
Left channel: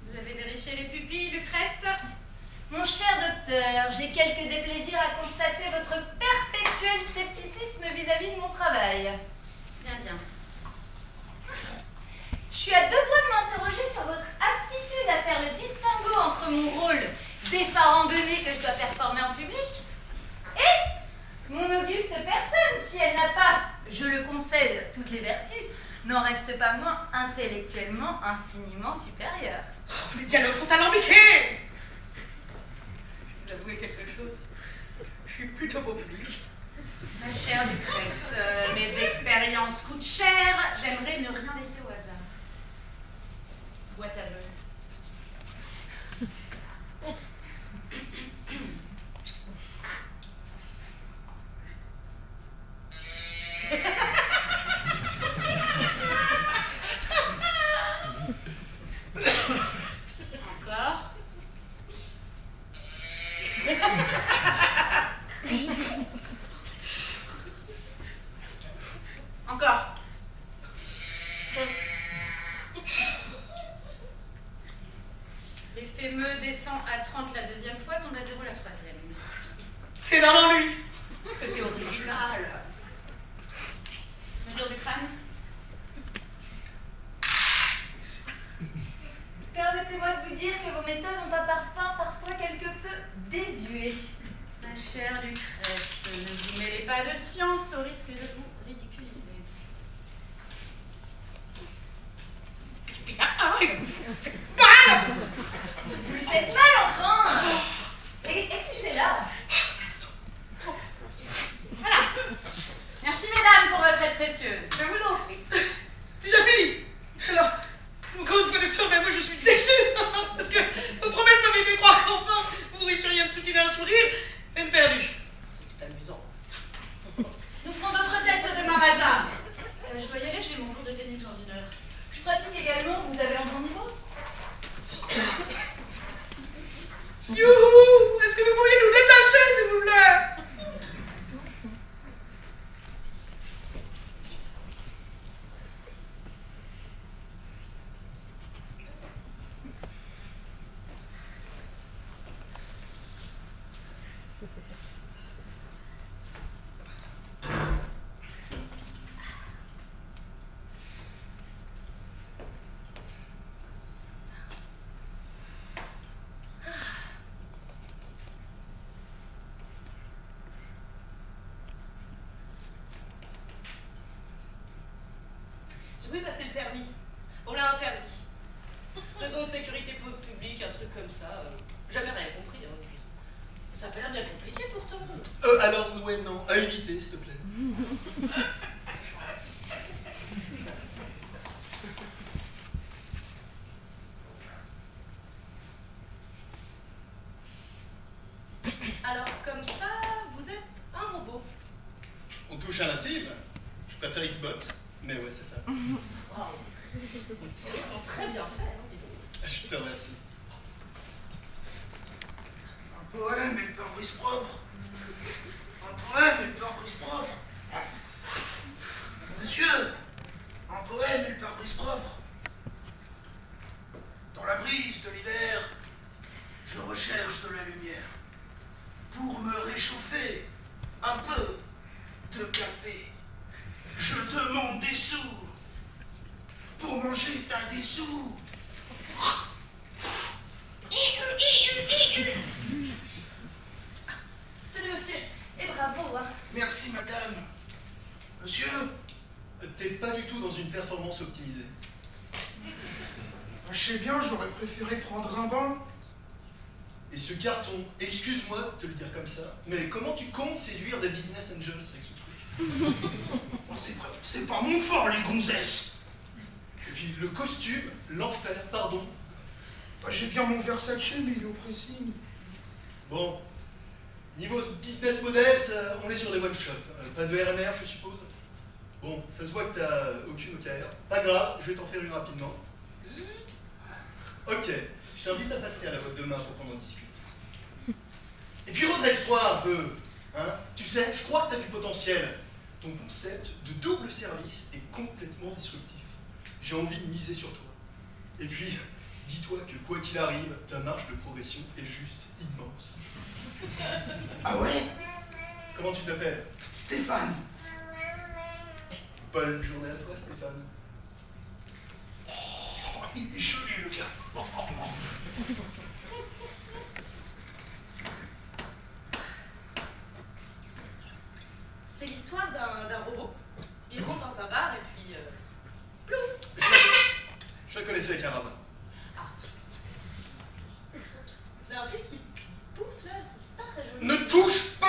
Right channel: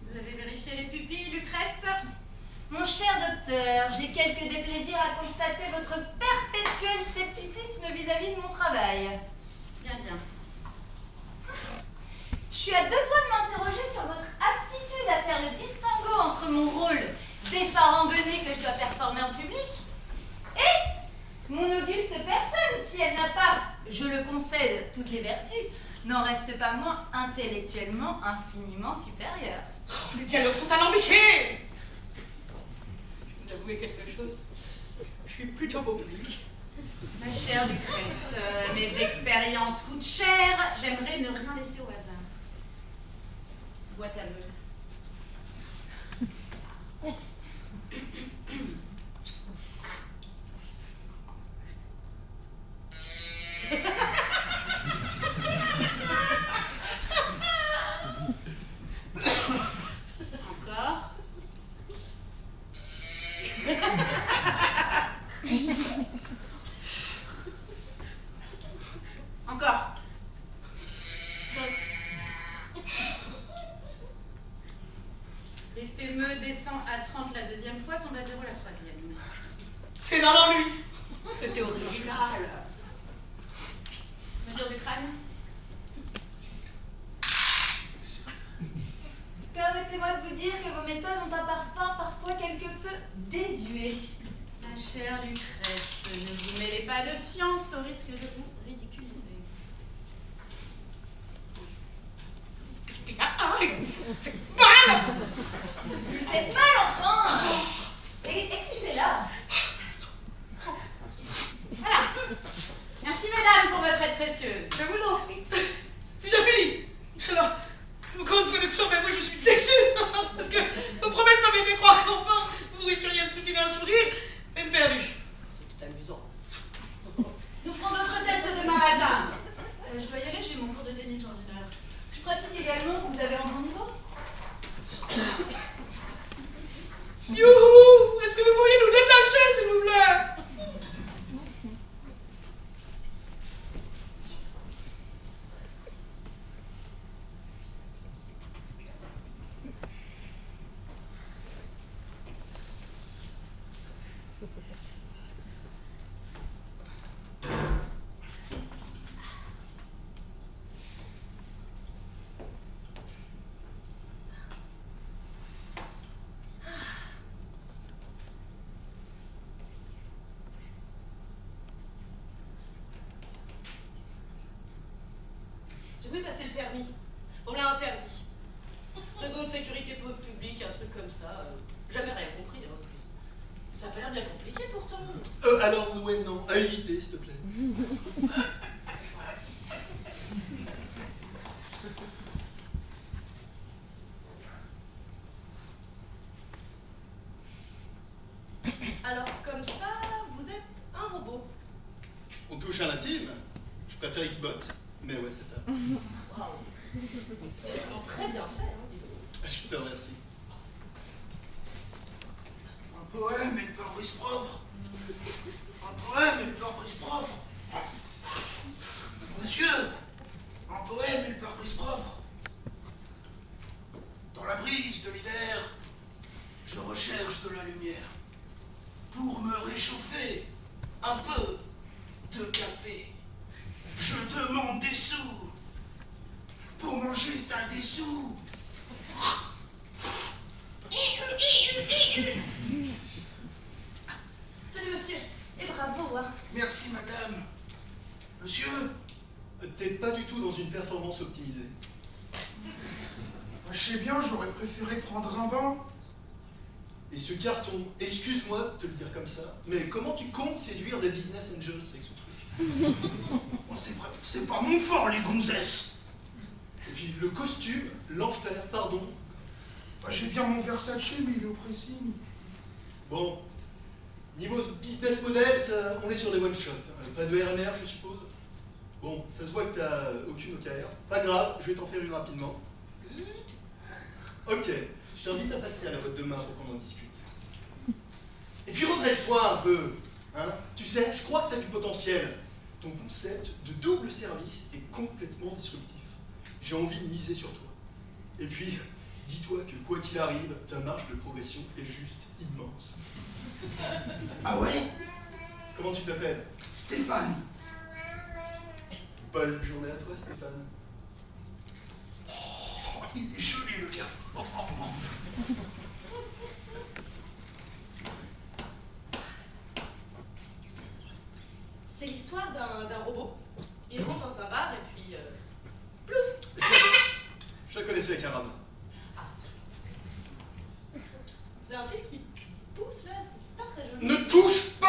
Vous avez vérifié les pupilles, Lucrèce? Mon cher docteur, j'ai quelques déplaisirs à constater votre perpétuel scepticisme vis-à-vis de mon travail. Bien, bien. Je suis à deux doigts de m'interroger sur votre aptitude à faire le distinguo entre mon rôle d'effarambené que je dois performer en public et mon auguste personne, si elle n'a pas, je le concède, toutes les vertus, n'en reste pas moins intellectuellement infiniment supérieure. Oh, les dialogues sont alambiqués. Je vais vous avouer quelque chose. Je suis plutôt beau public. Ma chère Lucrèce, mes expériences coûtent cher. J'aimerais ne rien laisser au hasard. Boîte à meules. Encore. Encore. L'effet me descend à 30 la deuxième fois, tombe à 0 la troisième. C'est dans l'ennui. C'était original. Mesure du crâne. Permettez-moi de vous dire que vos méthodes ont un parfum parfois quelque peu désuet. Ma chère Lucrèce, ne vous mêlez pas de science au risque de vous ridiculiser. Vous lui faites mal, enfin! Excusez-la. Voilà. Merci, mesdames, pour votre aide précieuse. Je vous en prie. C'est déjà fini. Alors, encore une fois, docteur, mais moi je suis déçue. Parce que vos promesses m'avaient fait croire qu'enfin vous réussiriez à me soutiner un sourire. Peine perdue. C'est tout amusant. Nous ferons d'autres tests demain matin. Je dois y aller, j'ai mon cours de tennis dans une heure. Je pratique également, vous avez un bon niveau? Youhou! Est-ce que vous pourriez nous détacher, s'il vous plaît? J'ai voulu passer le permis. On l'a interdit. Raison de sécurité publique, un truc comme ça. Jamais rien compris en plus. Ça a pas l'air bien compliqué pourtant. Alors, ouais, non, à éviter, s'il te plaît. Alors comme ça, vous êtes un robot. On touche à l'intime. Je préfère Xbot, mais ouais, c'est ça. Waouh. C'est vraiment très bien fait, hein, dis donc. Je te remercie. Un poème et le pare-brise propre. Un poème et le pare-brise propre. Monsieur, un poème et le pare-brise propre. Dans la brise de l'hiver, je recherche de la lumière. Pour me réchauffer, un peu de café. Je demande des sous. Pour manger, t'as des sous. Tenez, monsieur, et bravo, hein. Merci, madame. Monsieur, T'es pas du tout dans une performance optimisée. je sais bien, j'aurais préféré prendre un bain. Et ce carton, excuse-moi de te le dire comme ça, mais comment tu comptes séduire des business angels avec ce truc? Oh, c'est pas mon fort, les gonzesses. Et puis le costume, l'enfer, pardon. Bah, j'ai bien mon Versace, mais il est au pressing. Bon, niveau business model, on est sur des one-shots. Pas de RMR, je suppose. Bon, ça se voit que t'as aucune OKR. Pas grave, je vais t'en faire une rapidement. Ok, t'invite à passer à la boîte de main pour qu'on en discute. Et puis redresse-toi un peu. Hein. Tu sais, je crois que tu as du potentiel. Ton concept de double service est complètement disruptif. J'ai envie de miser sur toi. Et puis, dis-toi que quoi qu'il arrive, ta marge de progression est juste immense. Ah ouais? Comment tu t'appelles? Stéphane. Bonne journée à toi, Stéphane. Oh, il est joli, le gars. Oh, oh, oh. C'est l'histoire d'un robot. Il rentre dans un bar et puis... plouf! Je la connaissais avec Arabe. Vous avez un fil qui pousse là, c'est pas très joli. Ne touche pas!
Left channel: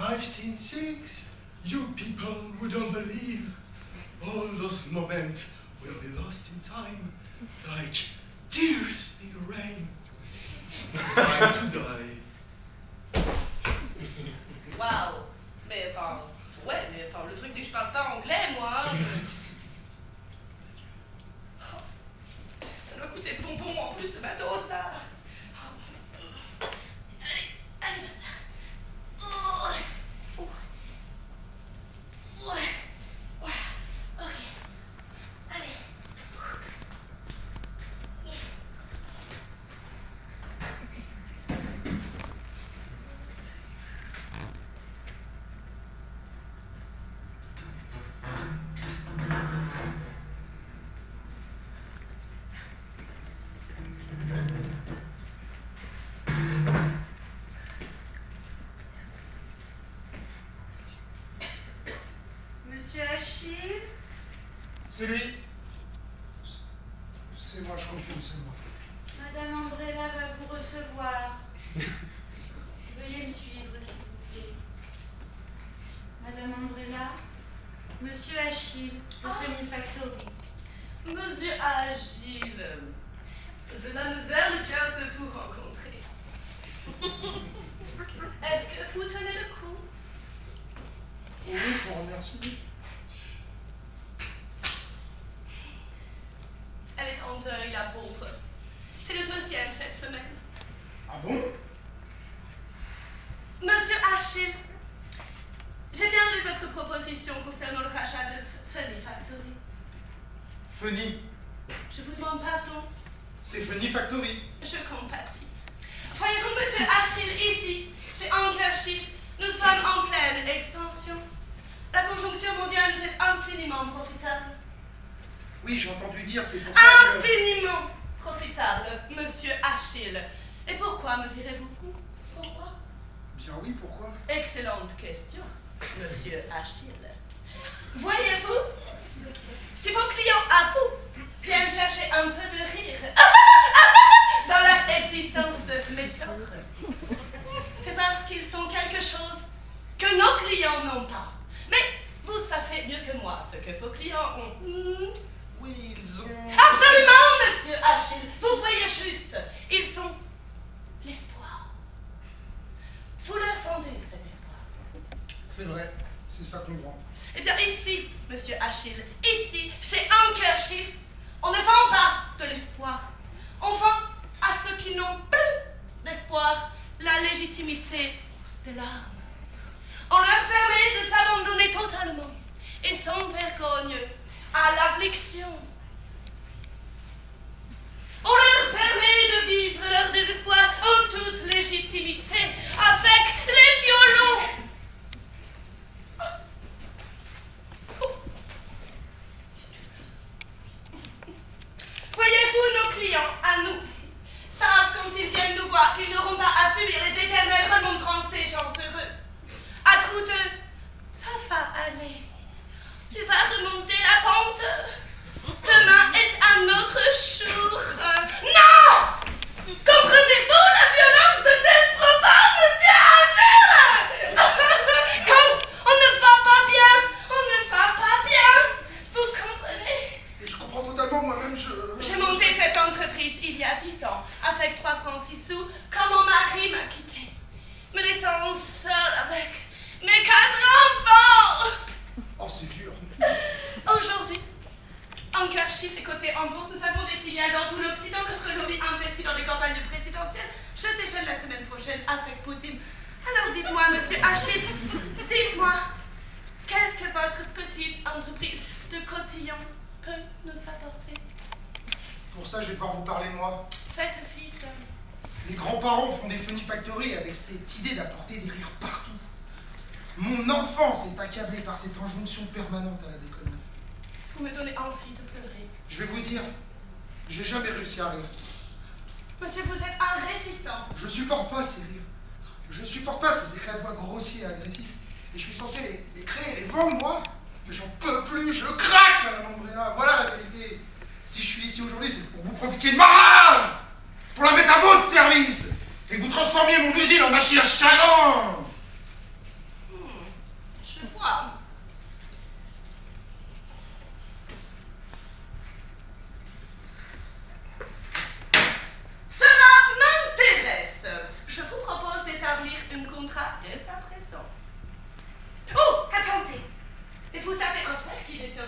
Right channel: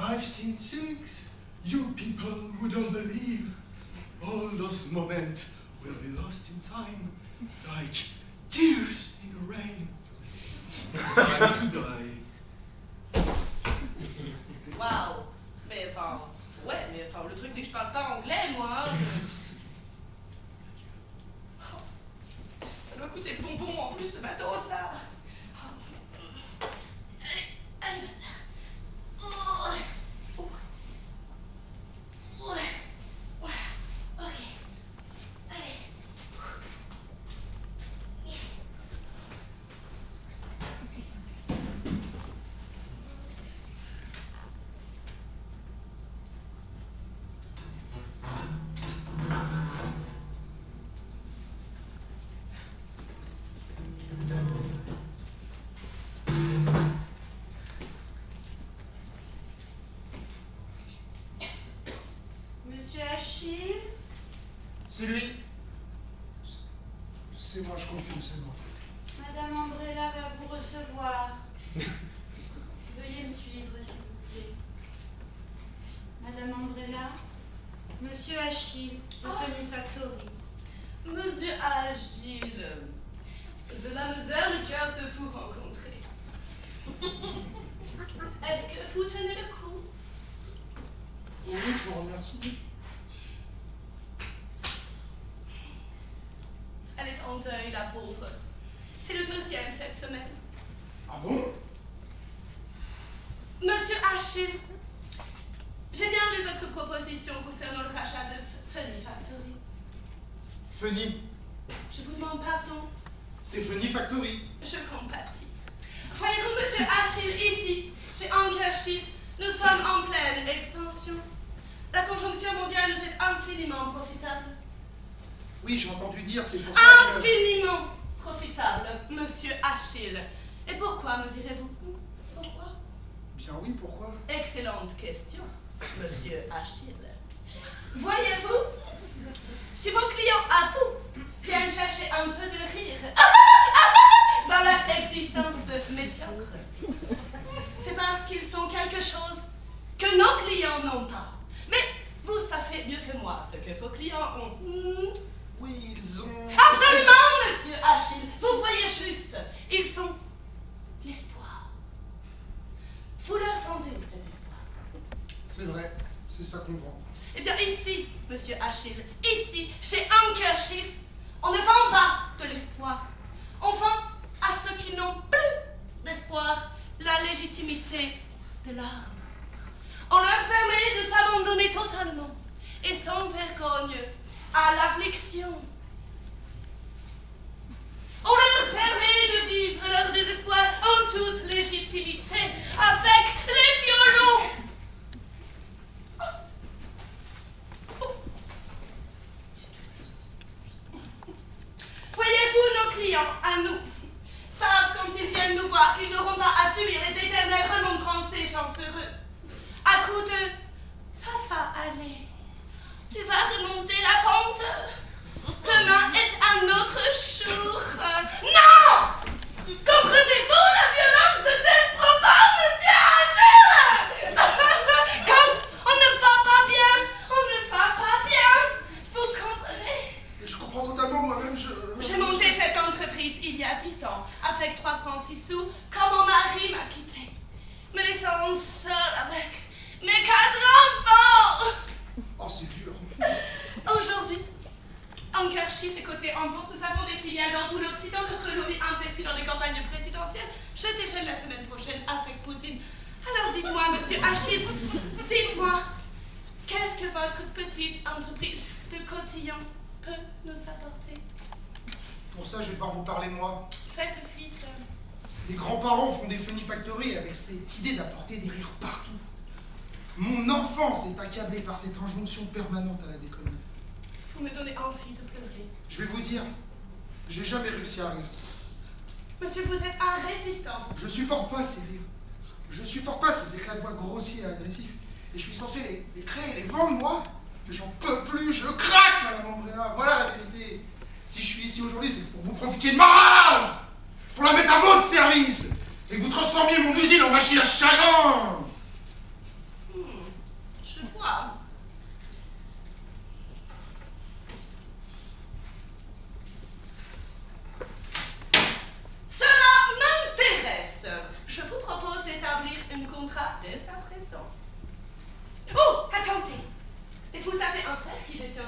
I've seen things you people wouldn't believe. All those moments will be lost in time, like tears in the rain. Time to die. Waouh! Mais enfin, ouais, mais enfin, le truc c'est que je parle pas anglais, moi. Hein, Oh, ça doit coûter bonbon en plus ce matos là. Allez, basta. Oh. Oh. Ouais. Voilà. Ok. Allez. Monsieur Achille? C'est lui. C'est moi, je confirme, c'est moi. Madame Umbrella va vous recevoir. Veuillez me suivre, s'il vous plaît. Madame Umbrella, Monsieur Achille, de Funny Factory. Monsieur Agile, cela nous a le cœur de vous rencontrer. Est-ce que vous tenez le coup? Oui, je vous remercie. Elle est en deuil, la pauvre. C'est le deuxième cette semaine. Ah bon? Monsieur Achille, j'ai bien lu votre proposition concernant le rachat de Funny Factory. Funny. Je vous demande pardon. C'est Funny Factory. Je compatis. Voyez-vous, monsieur Achille, ici, chez Anchor Chief, nous sommes en pleine expansion. La conjoncture mondiale nous est infiniment profitable. Oui, j'ai entendu dire, c'est pour ça que... Infiniment profitable, monsieur Achille. Et pourquoi, me direz-vous? Pourquoi? Bien oui, pourquoi? Excellente question, monsieur Achille. Voyez-vous, si vos clients à vous viennent chercher un peu de rire dans leur existence médiocre, c'est parce qu'ils sont quelque chose que nos clients n'ont pas. Mais vous savez mieux que moi ce que vos clients ont. Oui, ils ont... Absolument, monsieur Achille. Vous voyez juste, ils sont l'espoir. Vous leur vendez cet espoir. C'est vrai, c'est ça qu'on vend. Eh bien ici, monsieur Achille, ici, chez Anchor Chief, on ne vend pas de l'espoir. On vend à ceux qui n'ont plus d'espoir la légitimité de l'arme. On leur permet de s'abandonner totalement et sans vergogne à l'affliction. On leur permet de vivre leur désespoir en toute légitimité avec les violons. Voyez-vous, nos clients, à nous, savent quand ils viennent nous voir qu'ils n'auront pas à subir les éternelles remontrances échantillon peut nous apporter? Pour ça, je vais devoir vous parler moi. Faites vite. Les grands-parents font des Funny Factory avec cette idée d'apporter des rires partout. Mon enfance est accablée par cette injonction permanente à la déconnerie. Vous me donnez envie de pleurer. Je vais vous dire, j'ai jamais réussi à rire. Monsieur, vous êtes un résistant. Je supporte pas ces rires. Je supporte pas ces éclats de voix grossiers et agressifs. Et je suis censé les créer, les vendre, moi. Mais j'en peux plus, je craque, Madame Umbrella. Voilà la vérité. Si je suis ici aujourd'hui, c'est pour vous profiter de ma rage, pour la mettre à votre service, et que vous transformiez mon usine en machine à chagrin. Je vois. Cela m'intéresse. Je vous propose d'établir un contrat dès à présent. Oh, attendez. Et vous avez un frère qui détient 50%.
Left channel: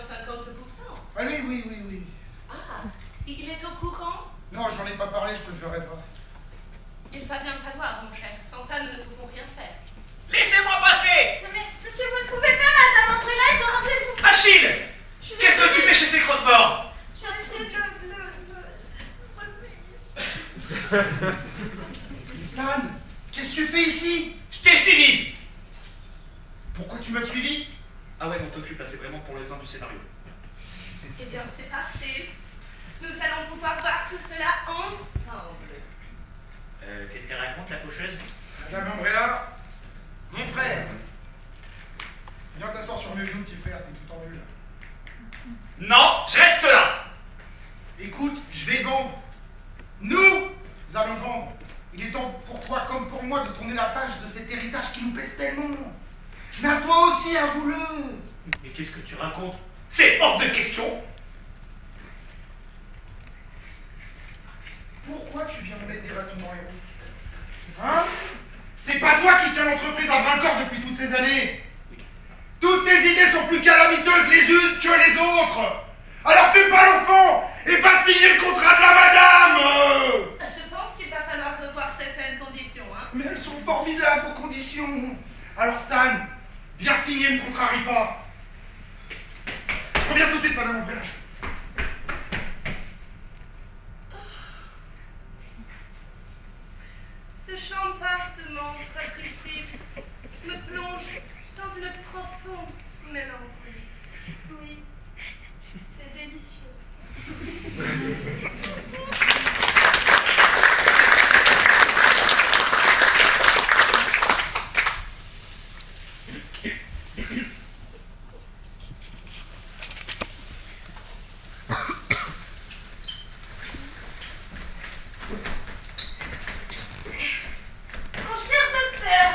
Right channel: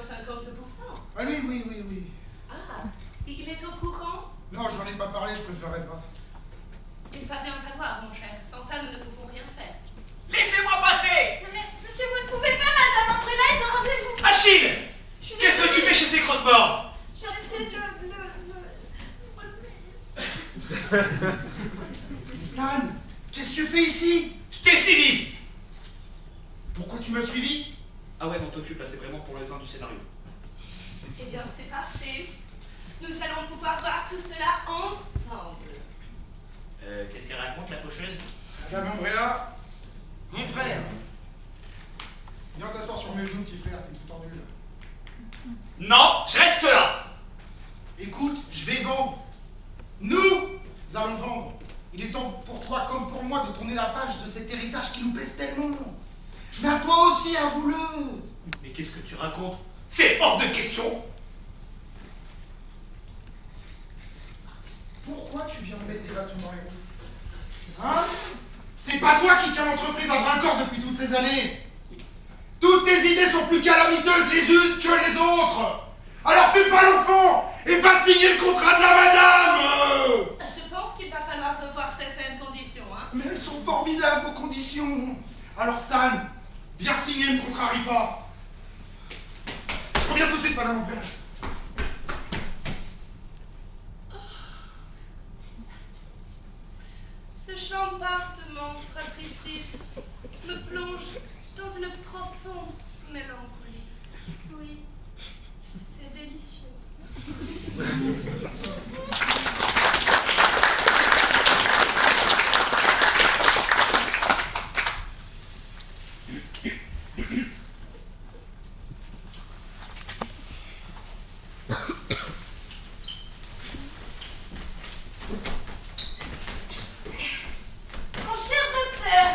Ah oui. Ah, il est au courant? Non, j'en ai pas parlé, je préférerais pas. Il va bien falloir, mon cher. Sans ça, nous ne pouvons rien faire. Laissez-moi passer! Mais monsieur, vous ne pouvez pas, Madame Umbrella est au rendez-vous. Achille! Qu'est-ce que tu fais chez ces crotte-morts? J'ai essayé de Stan, qu'est-ce que tu fais ici? Je t'ai suivi! Pourquoi tu m'as suivi? Ah ouais, non, t'occupe là, c'est vraiment pour le temps du scénario. Eh bien, c'est parfait. Nous allons pouvoir voir tout cela ensemble. Qu'est-ce qu'elle raconte, la faucheuse? Madame Umbrella, mon frère. Viens t'asseoir sur mes genoux, petit frère, t'es tout en nul. Non, je reste là! Écoute, je vais vendre. Nous allons vendre. Il est temps pour toi comme pour moi de tourner la page de cet héritage qui nous pèse tellement. Mais à toi aussi, avoue-le. Mais qu'est-ce que tu racontes? C'est hors de question! Pourquoi tu viens me mettre des bâtons dans les roues? Hein? C'est pas toi qui tiens l'entreprise à bras-le-corps depuis toutes ces années. Toutes tes idées sont plus calamiteuses les unes que les autres. Alors fais pas l'enfant et va signer le contrat de la madame. Je pense qu'il va falloir revoir certaines conditions, hein. Mais elles sont formidables, vos conditions. Alors Stan, viens signer, ne contrarie pas. Je reviens tout de suite, Madame Umbrella. Ce chambardement fratricide me plonge dans une profonde mélancolie. Oui, c'est délicieux. Mon cher docteur,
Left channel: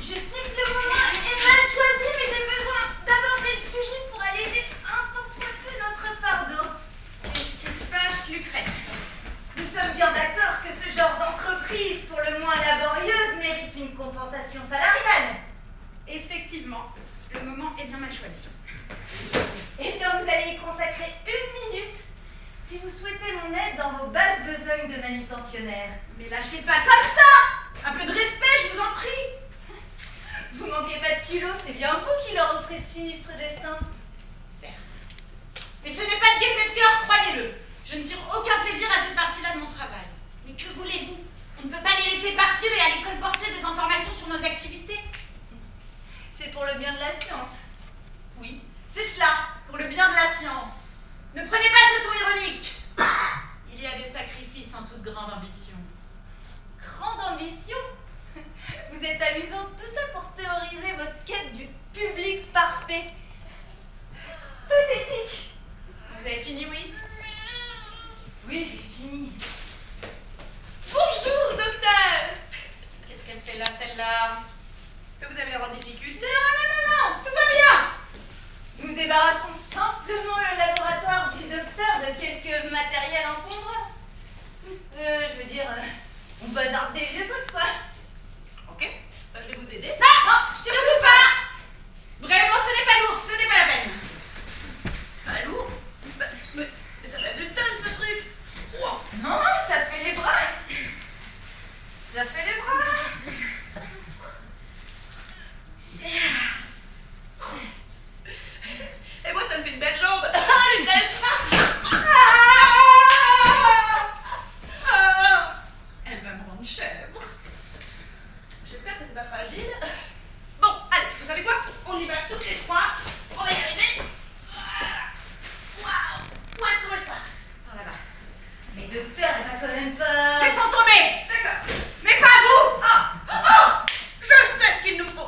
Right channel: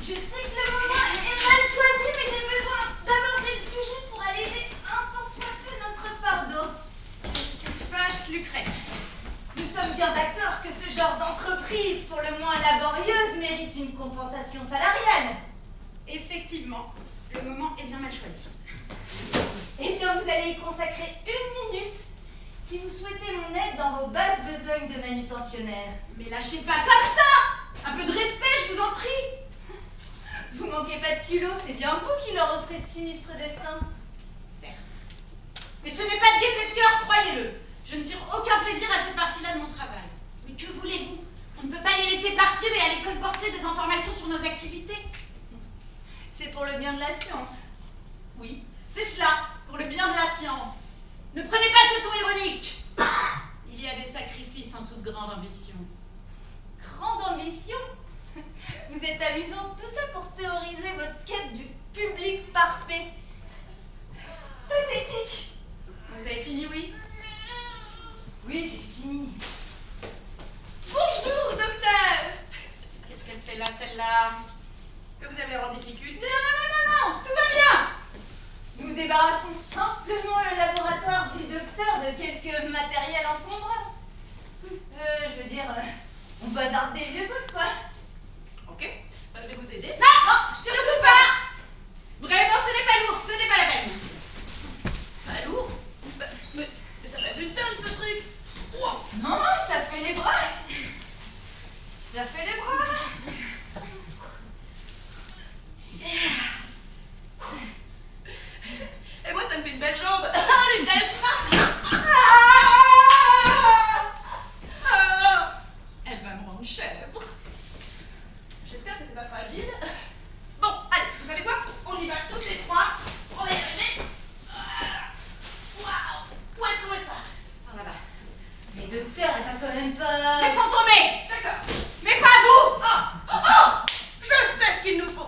je sais que le moment est mal choisi, mais j'ai besoin d'aborder le sujet pour alléger un tant soit peu notre fardeau. Qu'est-ce qui se passe, Lucrèce? Nous sommes bien d'accord que ce genre d'entreprise, pour le moins laborieuse, mérite une compensation salariale. Effectivement, le moment est bien mal choisi. Eh bien, vous allez y consacrer 1 minute si vous souhaitez mon aide dans vos basses besognes de manutentionnaire. Mais lâchez pas comme ça! Un peu de respect, je vous en prie! Vous manquez pas de culot, c'est bien vous qui leur offrez ce sinistre destin. Certes. Mais ce n'est pas de gaieté de cœur, croyez-le. Je ne tire aucun plaisir à cette partie-là de mon travail. Mais que voulez-vous? On ne peut pas les laisser partir et aller colporter des informations sur nos activités. C'est pour le bien de la science. Oui, c'est cela, pour le bien de la science. Ne prenez pas ce ton ironique. Il y a des sacrifices en toute grande ambition. Grande ambition? Vous êtes amusante, tout ça pour théoriser votre quête du public parfait. Pathétique. Vous avez fini, oui? Oui, j'ai fini. Bonjour, docteur. Qu'est-ce qu'elle fait là, celle-là? Vous avez l'air en difficulté? Non, tout va bien. Nous débarrassons simplement le laboratoire du docteur de quelques matériels encombrants. Je veux dire, on bazarde des vieux trucs, quoi. Ok, je vais vous aider. Non, surtout pas. Vraiment, ce n'est pas lourd, ce n'est pas la peine. Pas lourd? Mais ça pèse une tonne, ce truc. Wow. Non, ça fait les bras. Ça fait les bras. Et moi, ça me fait une belle jambe.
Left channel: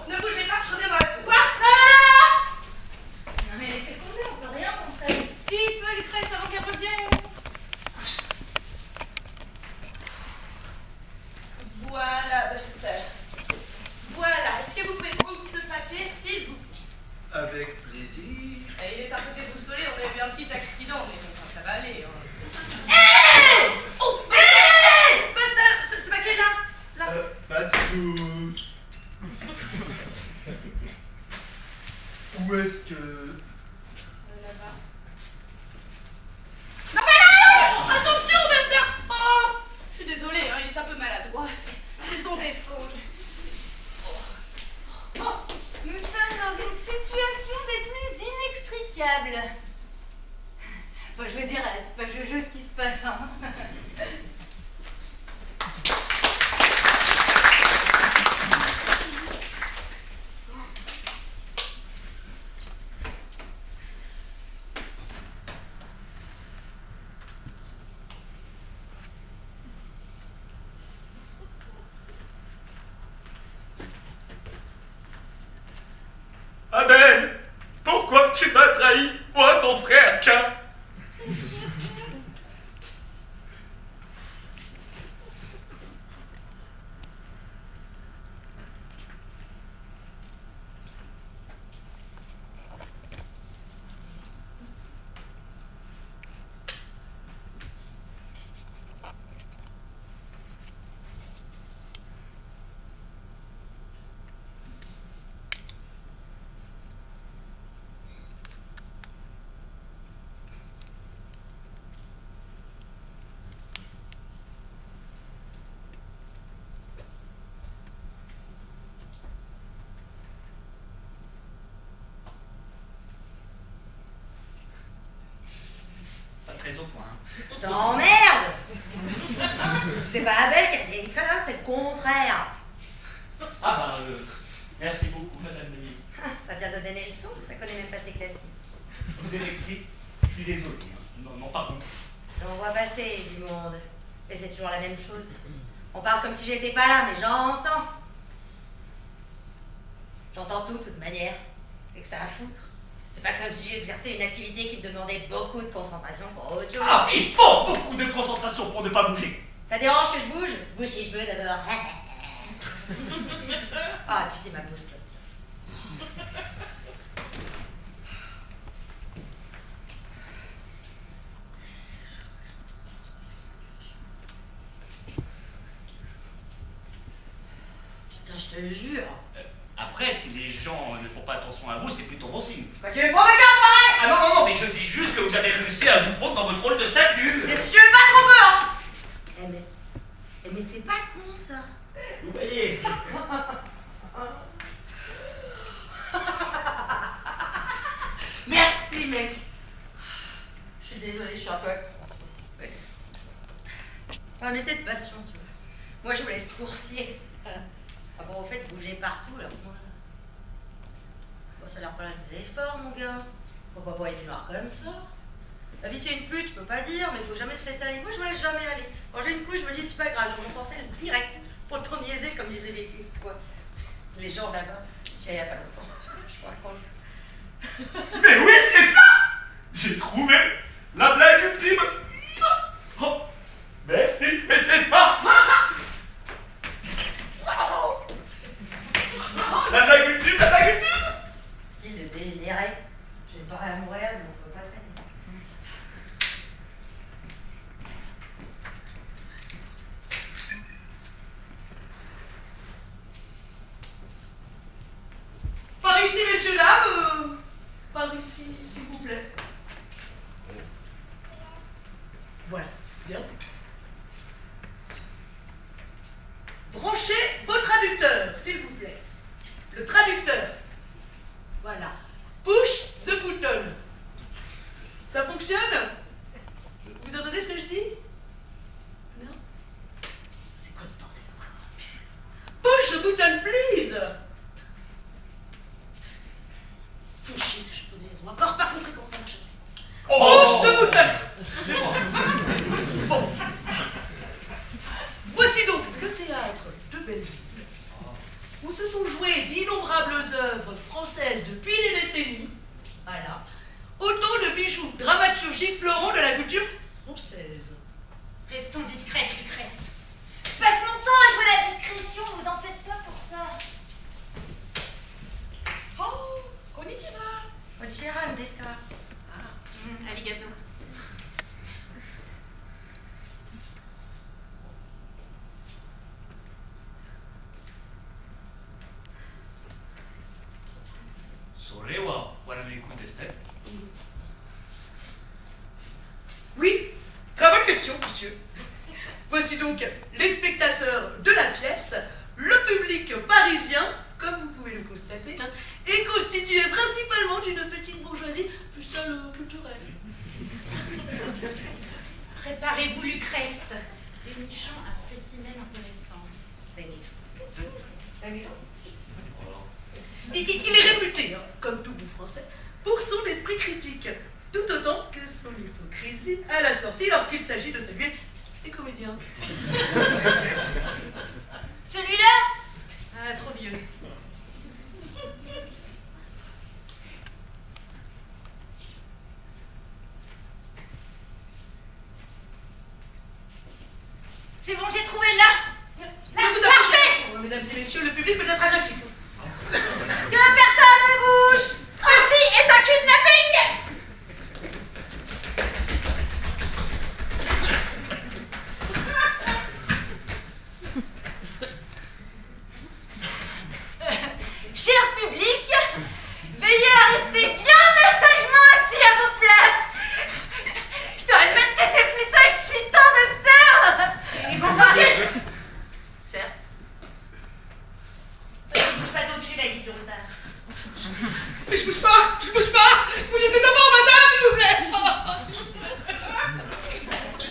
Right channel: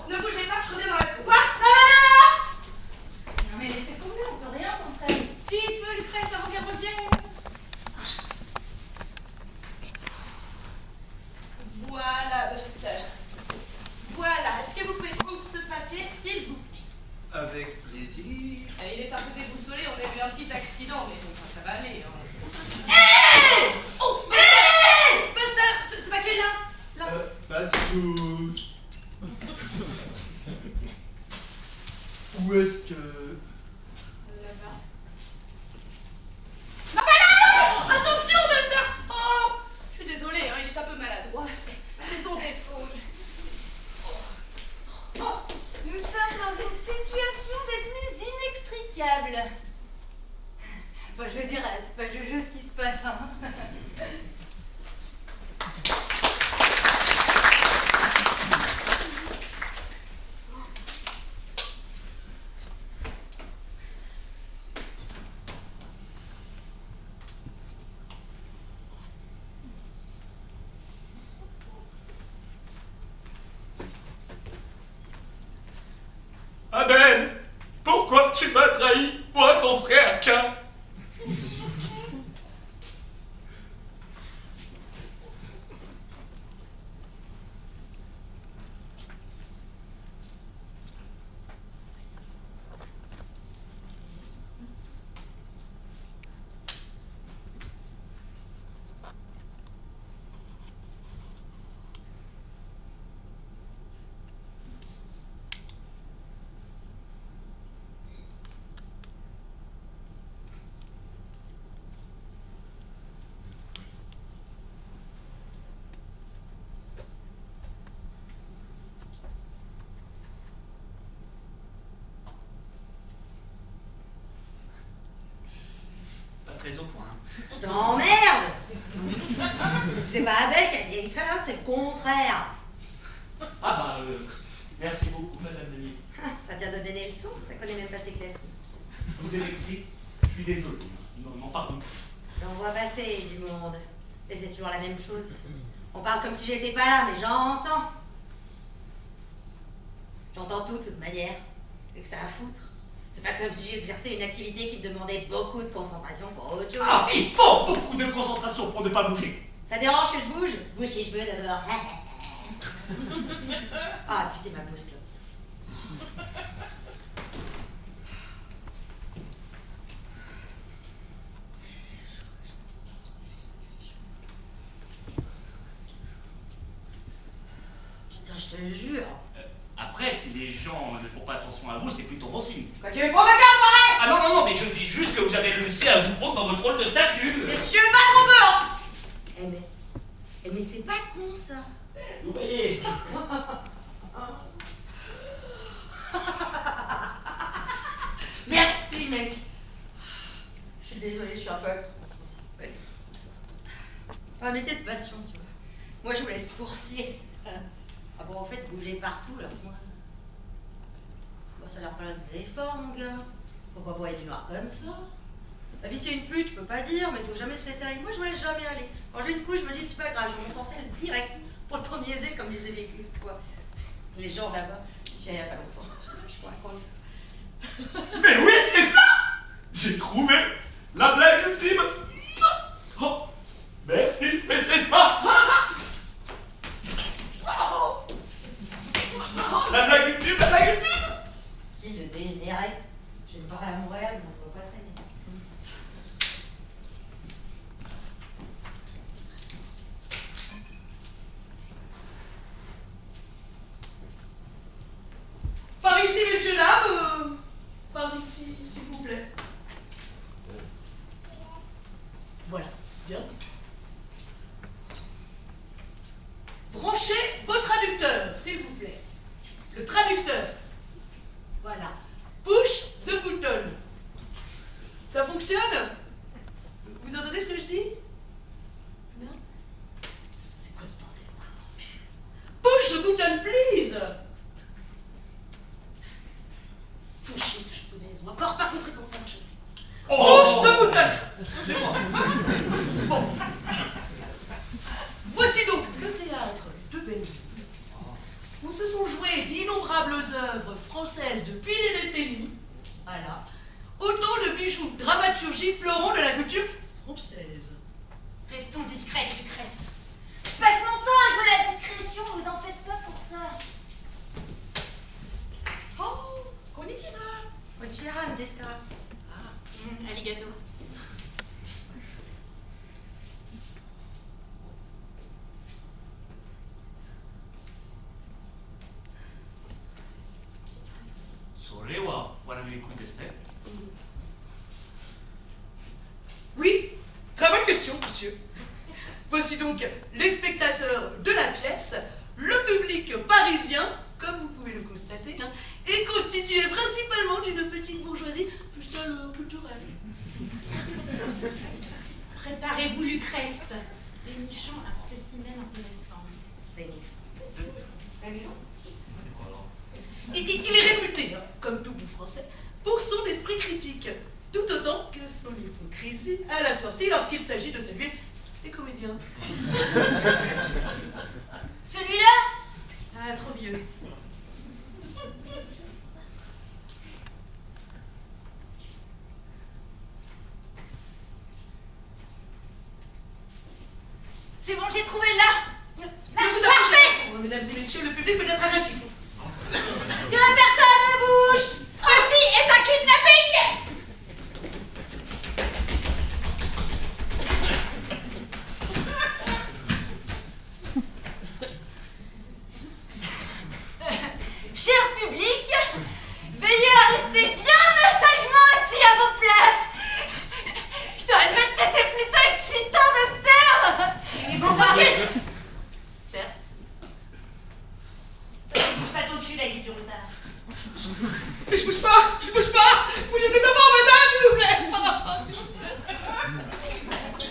ne bougez pas, je reviens dans la cour. Quoi? Non mais laissez tomber, on peut rien montrer. Vite, Lucrèce, avant qu'elle revienne. Voilà, Buster. Voilà, est-ce que vous pouvez prendre ce papier, s'il vous plaît? Avec plaisir. Il est un peu déboussolé, on a eu un petit accident, mais bon, ça va aller. Hé! Oh! Hé! Buster, ce papier-là! Là. Pas de soucis. Où est-ce que... Là-bas. Non mais là! Attention, Buster! Oh! Je suis désolée, hein, il est un peu maladroit, c'est son défaut. Oh, nous sommes dans une situation des plus inextricables. Bon, je veux dire, c'est pas Jojo ce qui se passe, hein. Amen! Pourquoi tu m'as trahi, moi ton frère Cain? Pas très au point. Hein. Je t'emmerde! C'est pas Abel qui a dit que c'est le contraire. Ah bah, merci beaucoup, madame Denis. Ah, ça vient de donner le son, ça connaît même pas ses classiques. Je vous ai vexé, je suis désolé. Hein. Non, pardon. J'en vois passer du monde. Et c'est toujours la même chose. On parle comme si j'étais pas là, mais j'entends. J'entends tout, de toute manière. Et que ça à foutre. C'est pas comme si j'exerçais une activité qui me demandait beaucoup de concentration pour autre chose. Ah, il faut beaucoup de concentration pour ne pas bouger. Ça dérange que je bouge? Je bouge si je veux d'abord. Ah, et puis c'est ma pause clope. Putain, je te jure. Après, si les gens ne font pas attention à vous, c'est plutôt bon signe. Quoi, tu veux provoquer un forêt? Ah non, mais je dis juste que vous avez réussi à vous fondre dans votre rôle de statue. C'est si tu veux pas trop peu, hein? Mais c'est pas con, ça. Vous voyez. Merci, mec. Je suis désolée, je suis un peu... Enfin, mais c'est de passion, tu vois. Moi, je voulais être coursier. Ah bon, au fait, bouger partout, alors moi... Bon, ça leur prend des efforts, mon gars. Faut pas voir du noir comme ça. La vie, c'est une pute, je peux pas dire, mais il faut jamais se laisser aller. Moi, je me laisse jamais aller. Quand j'ai une couille, je me dis, c'est pas grave, je vais m'en penser direct. Pour t'en niaiser, comme disaient les gens là-bas. Je suis allée il y a pas longtemps. Je vous raconte. Mais oui, c'est ça. J'ai trouvé la blague ultime. Oh, merci, mais c'est ça. La blague ultime, la blague ultime. Il le dégénéré. Je vais me barrer à Montréal, mais on se voit pas traîner. Par ici, messieurs, dames. Par ici, s'il vous plaît. Voilà, bien. Branchez vos traducteurs, s'il vous plaît. Le traducteur. Voilà. Push the button. Ça fonctionne? Vous entendez ce que je dis? Non? C'est quoi ce bordel? Push the button, please. Faut chier, ces japonaises. On n'a encore pas compris comment ça marche. Push the button. Excusez-moi. Bon. Voici donc le théâtre de Belleville, où se sont joués d'innombrables d'innombrables œuvres françaises depuis des décennies, voilà, autant de bijoux dramaturgiques fleurons de la culture française. Restons discrètes, Lucrèce. Je passe mon temps à jouer la discrétion, vous en faites pas pour ça. Oh, konnichiwa. Konnichiwa, desu ka? Arigato. Oui, très bonne question, monsieur. Voici donc les spectateurs de la pièce. Le public parisien, comme vous pouvez le constater, est constitué principalement d'une petite bourgeoisie plus culturelle. Préparez-vous, Lucrèce. Dénichons un spécimen intéressant. Il est réputé, comme tout bon français, pour son esprit critique, tout autant que son hypocrisie à la sortie lorsqu'il s'agit de saluer les comédiens. Celui-là Trop vieux. C'est bon, j'ai trouvé là. Ne vous approchez, mesdames et messieurs, le public peut être agressif. Que personne ne bouge. Ceci est un kidnapping. Cher public, veillez à rester bien sagement assis à vos places. Je dois admettre que c'est plutôt excitant de taire. Et bon, certes. Ne bouge pas ton cul, la guide de retard. Mais je bouge pas. Bougez des enfants au bazar, s'il vous plaît.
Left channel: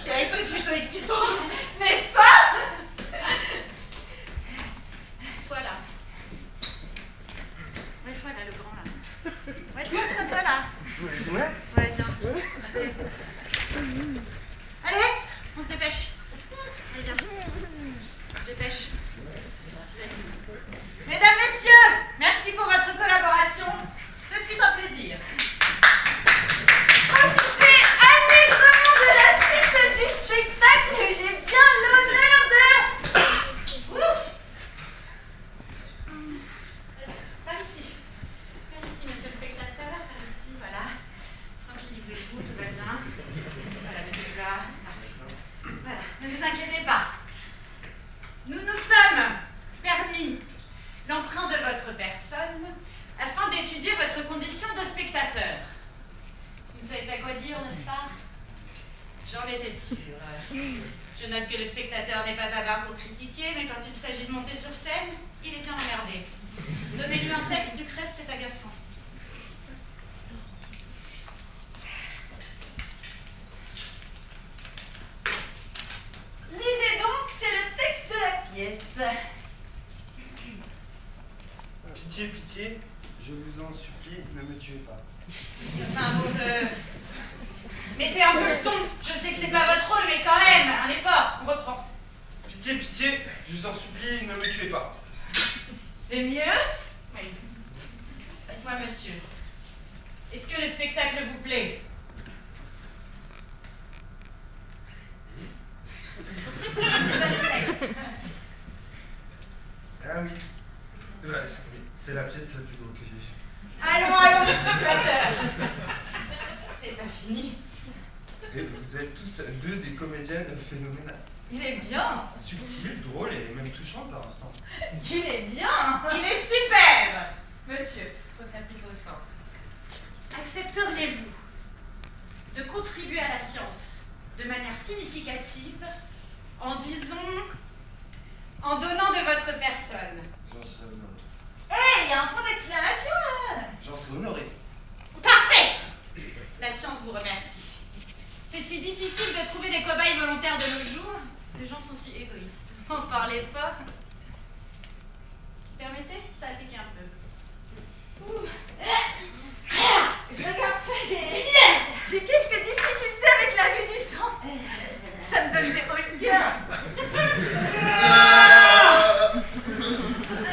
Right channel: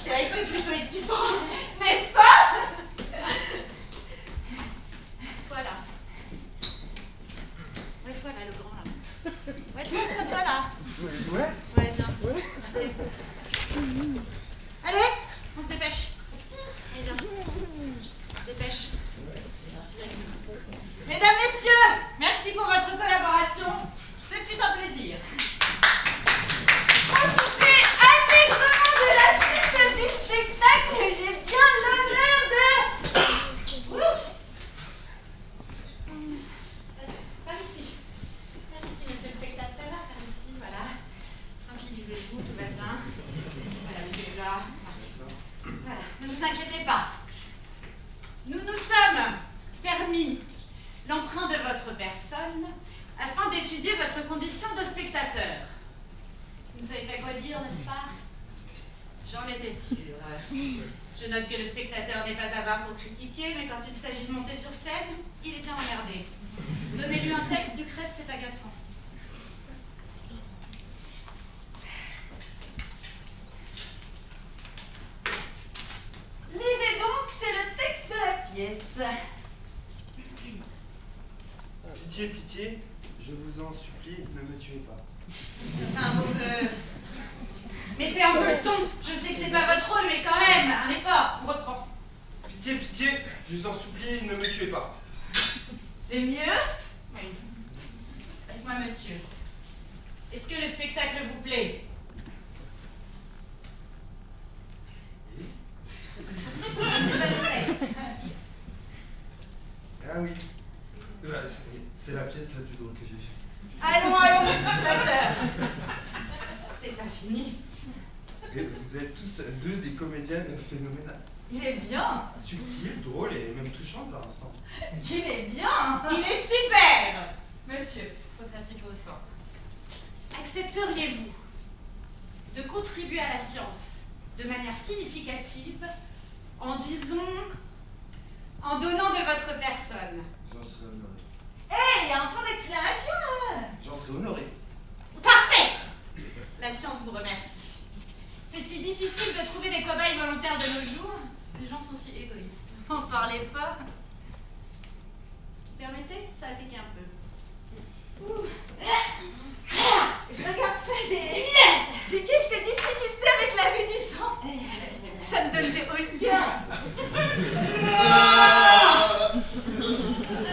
C'est vrai que c'est plutôt excitant, n'est-ce pas? Toi là. Ouais, toi là, le grand là. Ouais, toi là. Ouais, viens. Allez, on se dépêche. Allez, viens. On se dépêche. Mesdames, messieurs, merci pour votre collaboration. Ce fut un plaisir. Profitez allègrement de la suite du spectacle. J'ai bien l'honneur de... Ouf. Par ici, monsieur le spectateur. Par ici, voilà. Tranquillisez-vous, tout va bien. Voilà, mettez là. Voilà, ne vous inquiétez pas. Nous nous sommes permis l'emprunt de votre personne afin d'étudier votre condition de spectateur. Vous ne savez pas quoi dire, n'est-ce pas? J'en étais sûre. Je note que le spectateur n'est pas avare pour critiquer, mais quand il s'agit de monter sur scène, il est bien emmerdé. Donnez-lui un texte, Lucrèce, c'est agaçant. Lisez donc, c'est le texte de la pièce. Pitié, pitié, je vous en supplie, ne me tuez pas. Enfin, vous mettez un peu le ton. Je sais que c'est pas votre rôle, mais quand même, un effort. On reprend. Pitié, pitié, je vous en supplie, ne me tuez pas. C'est mieux? Oui. Dites-moi, monsieur, est-ce que le spectacle vous plaît? C'est pas le texte. Ah oui. Ouais, c'est la pièce la plus drôle que j'ai vue. Allons, flatteur. C'est pas fini. Et vous êtes tous deux des comédiennes phénoménales. Il est bien. Subtil, drôle et même touchant par l'instant. Il est bien. Il est super. Monsieur, repatriez vos sortes. Accepteriez-vous de contribuer à la science de manière significative en, disons, en donnant de votre personne? J'en serais honoré. Hé, il y a un point d'exclamation là. J'en serais honoré. Parfait. La science vous remercie. C'est si difficile de trouver des cobayes volontaires de nos jours. Les gens sont si égoïstes. N'en parlez pas. Permettez, ça pique un peu. Ouh. Je regarde ça, j'ai quelques difficultés avec la vue du sang. Ça me donne des hauts de cœur.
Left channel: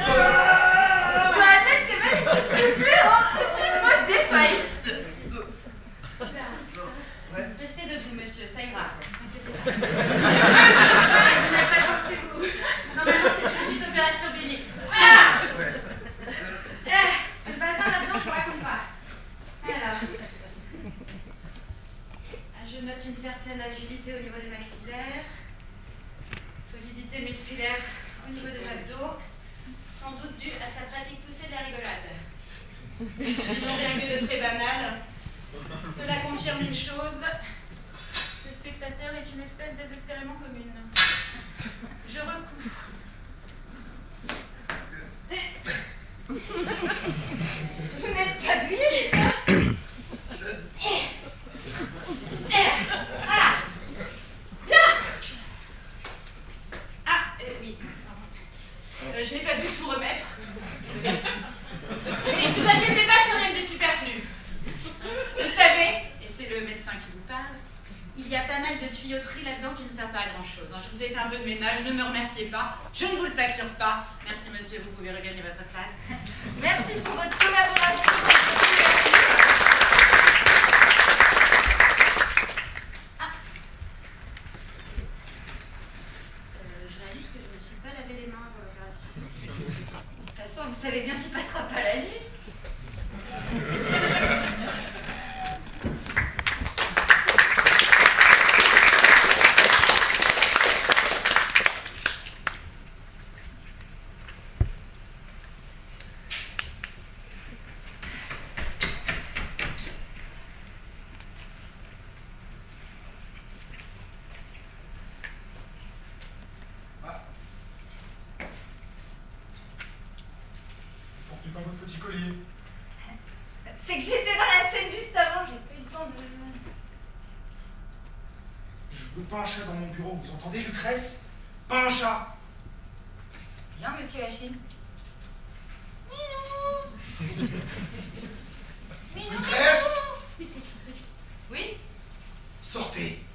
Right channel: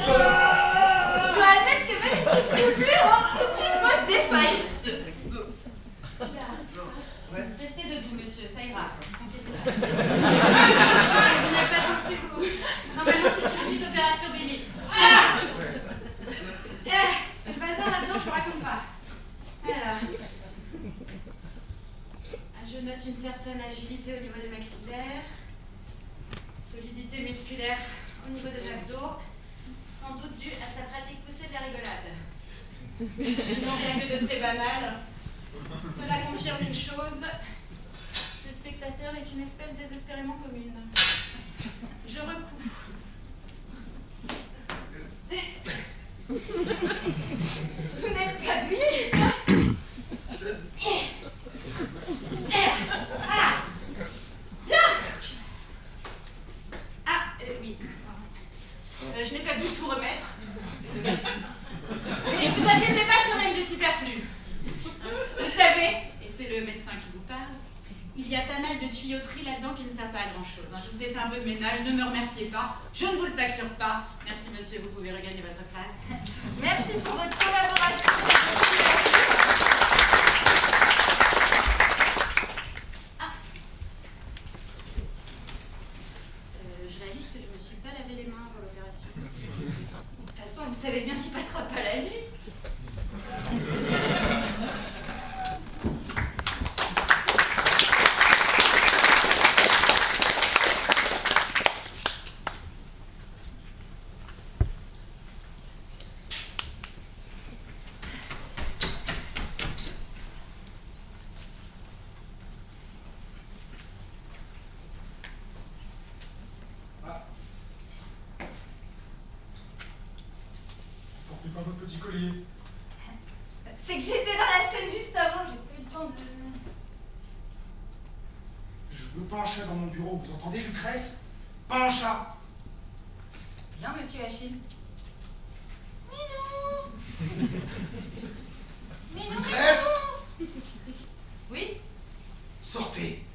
Je dois admettre m'appelez plus, hein. Tout de suite, moi, je défaille. Restez debout, monsieur, ça ira. Vous n'êtes pas censé vous. Normalement, c'est une petite opération bénigne. Ah c'est le bazar là-dedans, je ne raconte pas. Alors. Je note une certaine agilité au niveau des maxillaires, solidité musculaire au niveau des abdos, sans doute due à sa pratique poussée de la rigolade. Sinon, rien que de très banal. Cela confirme une chose. Le spectateur est une espèce désespérément commune. Je recouds. Vous n'êtes pas douillé, hein? Oui. Je n'ai pas pu tout remettre. Mais ne vous inquiétez pas, c'est rien de superflu. Vous savez, et c'est le médecin qui vous parle, il y a pas mal de tuyauterie là-dedans qui ne sert pas à grand-chose. Je vous ai fait un peu de ménage, ne me remerciez pas. Je ne vous le facture pas. Merci monsieur, vous pouvez regagner votre place. Merci pour votre collaboration. Je réalise que je ne me suis pas lavé les mains avant l'opération. De toute façon, vous savez bien qu'il passera pas la nuit. Pas votre petit collier. C'est que j'étais dans la scène juste avant, j'ai pas eu le temps de... Je veux pas un chat dans mon bureau, vous entendez, Lucrèce? Pas un chat. Bien, monsieur Achille. Minou. Minou, Lucrèce. Minou. Oui? Sortez.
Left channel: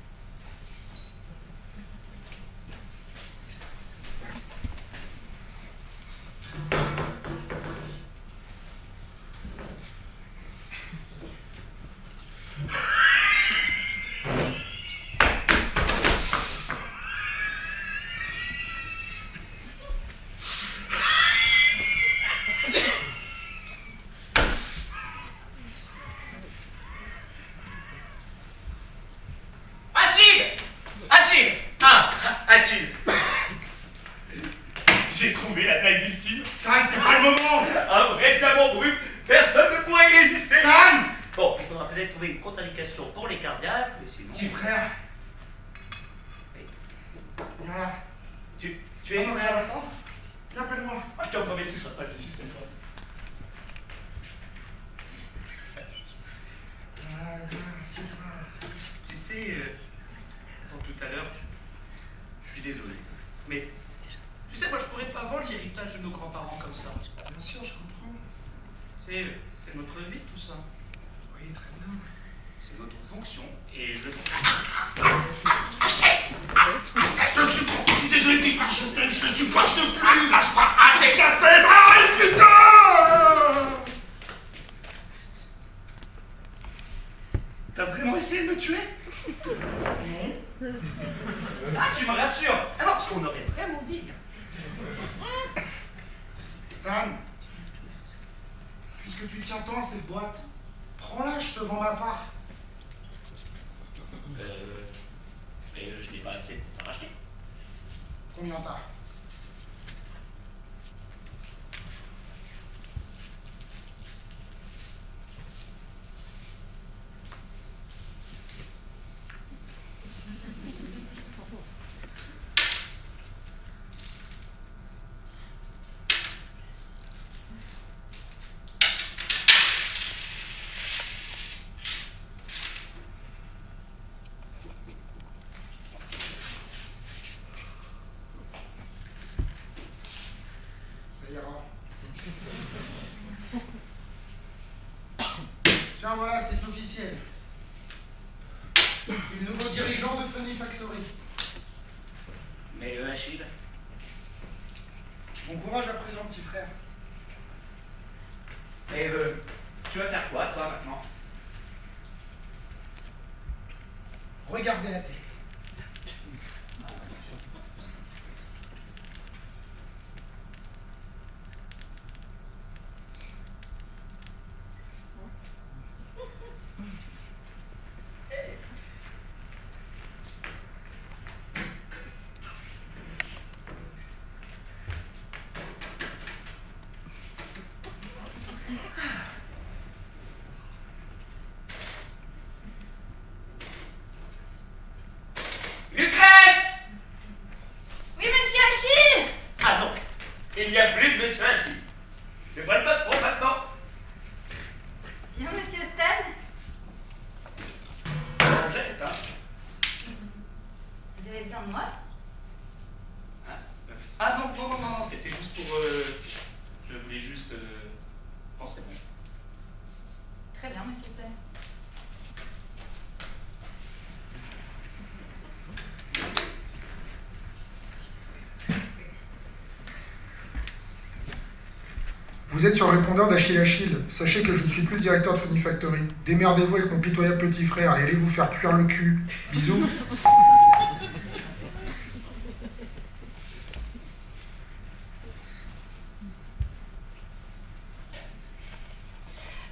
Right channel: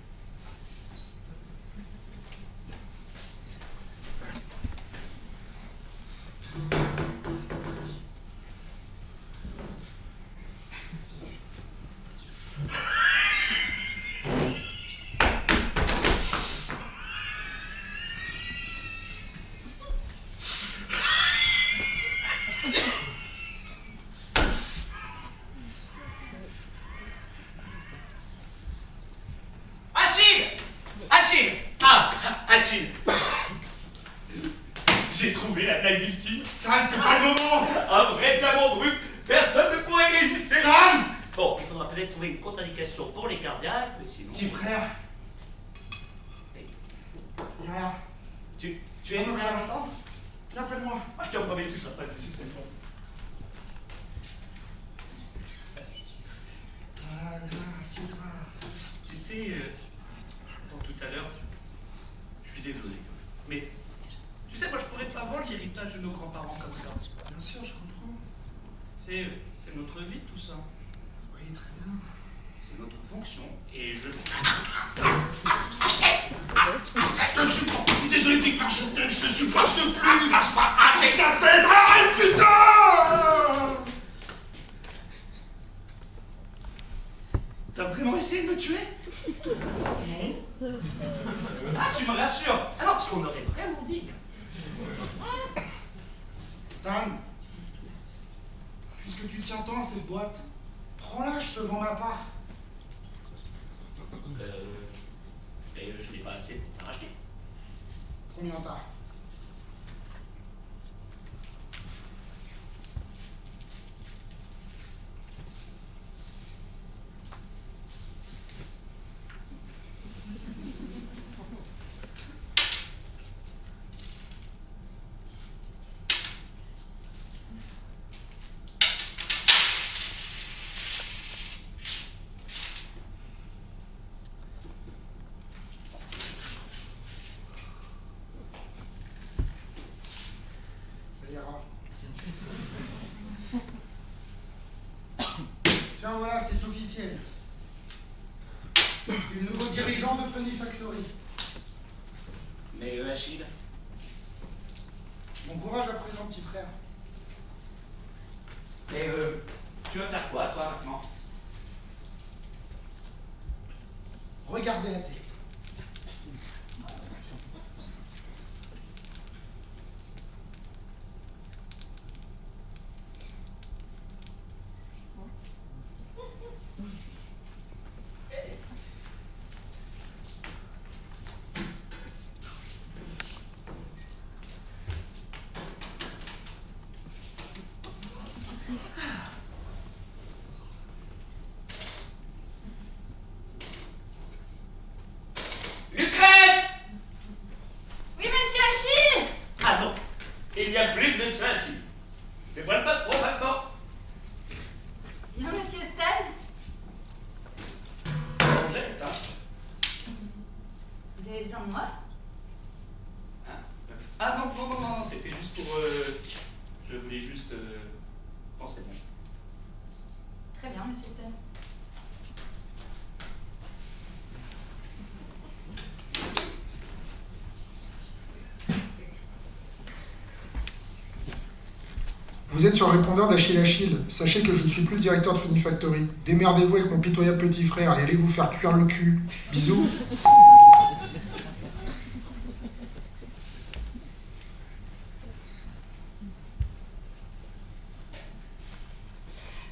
Achille! J'ai trouvé la blague ultime. Stan, c'est pas le moment. Un vrai diamant brut, personne ne pourrait y résister. Stan! Bon, il faudra peut-être trouver une contre-indication pour les cardiaques, mais sinon... Petit frère. Oui. Viens là. Tu es Non, viens là. Viens près de moi. Ah, je te promets, tu seras pas dessus cette fois. Assieds-toi. Tu sais, dans tout à l'heure, je suis désolé, mais tu sais, moi je pourrais pas vendre l'héritage de nos grands-parents comme ça. Bien sûr, je comprends. C'est notre vie tout ça. Oui, très bien. C'est notre fonction et je... Je suis désolé, t'es pas chanteur, je te supporte plus. Lâche pas, arrête, ça cesse, arrête, putain! T'as vraiment essayé de me tuer? Non. Ah, tu me rassures. Ah non, parce qu'on aurait vraiment dit. Stan, puisque tu tiens tant à cette boîte, prends-la, je te vends ma part. Mais je n'ai pas assez pour t'en racheter. Combien t'as? Ça ira. Tiens, voilà, c'est officiel. Le nouveau dirigeant de Funny Factory. Mais Achille, Bon courage à présent, petit frère. Et tu vas faire quoi, toi, maintenant? Regardez la télé. Lucrèce! Oui, monsieur Achille! Ah non, il n'y a plus de monsieur Achille. C'est moi le patron maintenant. Bien, monsieur Stan? Angèle, hein? Vous avez besoin de moi? Hein? Ah non, c'était juste pour... je voulais juste... penser bon. Très bien, monsieur Stan. Vous êtes sur le répondeur d'Achille Achille. Sachez que je ne suis plus le directeur de Funny Factory. Démerdez-vous avec mon pitoyable petit frère et allez vous faire cuire le cul. Bisous.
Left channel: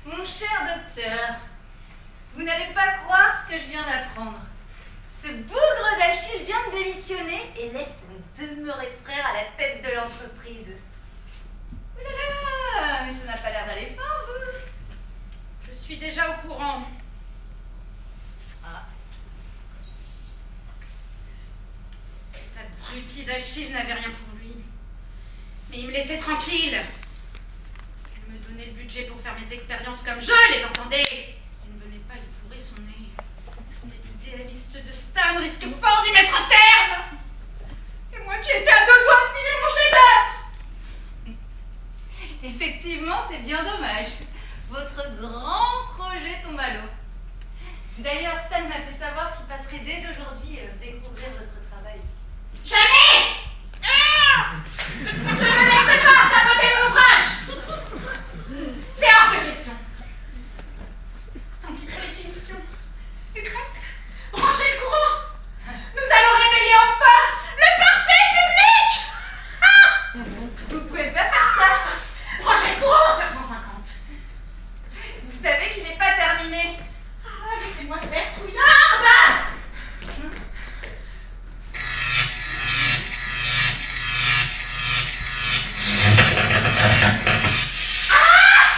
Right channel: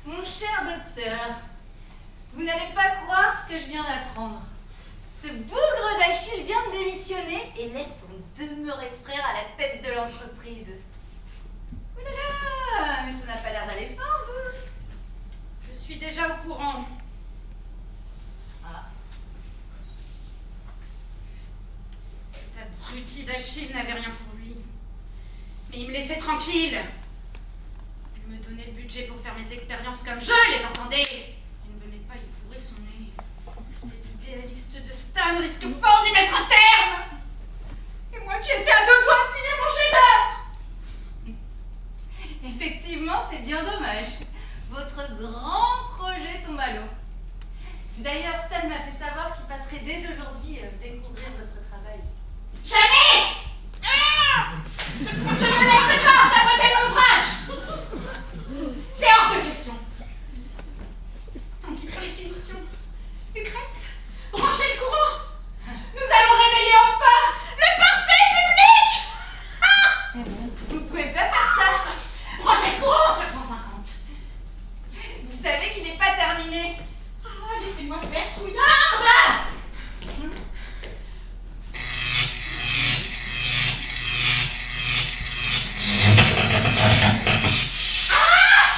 Mon cher docteur, vous n'allez pas croire ce que je viens d'apprendre. Ce bougre d'Achille vient de démissionner et laisse son demeuré de frère à la tête de l'entreprise. Ouh là là, mais ça n'a pas l'air d'aller fort, vous. Je suis déjà au courant. Ah, Cet abruti d'Achille n'avait rien pour lui. Mais il me laissait tranquille. Il me donnait le budget pour faire mes expériences comme je les entendais. Il ne venait pas y fourrer son nez. Cet idéaliste de Stan risque fort d'y mettre un terme. Et moi qui étais à 2 doigts de finir mon chef-d'œuvre. effectivement, c'est bien dommage. Votre grand projet tombe à l'eau. D'ailleurs, Stan m'a fait savoir qu'il passerait dès aujourd'hui découvrir votre travail. Jamais! Je ne me laisserai pas saboter mon ouvrage! C'est hors de question. Tant pis pour les finitions. Lucrèce, branchez le courant. Nous allons réveiller enfin le parfait public! Vous pouvez pas faire ça! Branchez le courant sur 150. Vous savez qu'il n'est pas terminé. Ah, laissez-moi faire, trouillarde! Ah!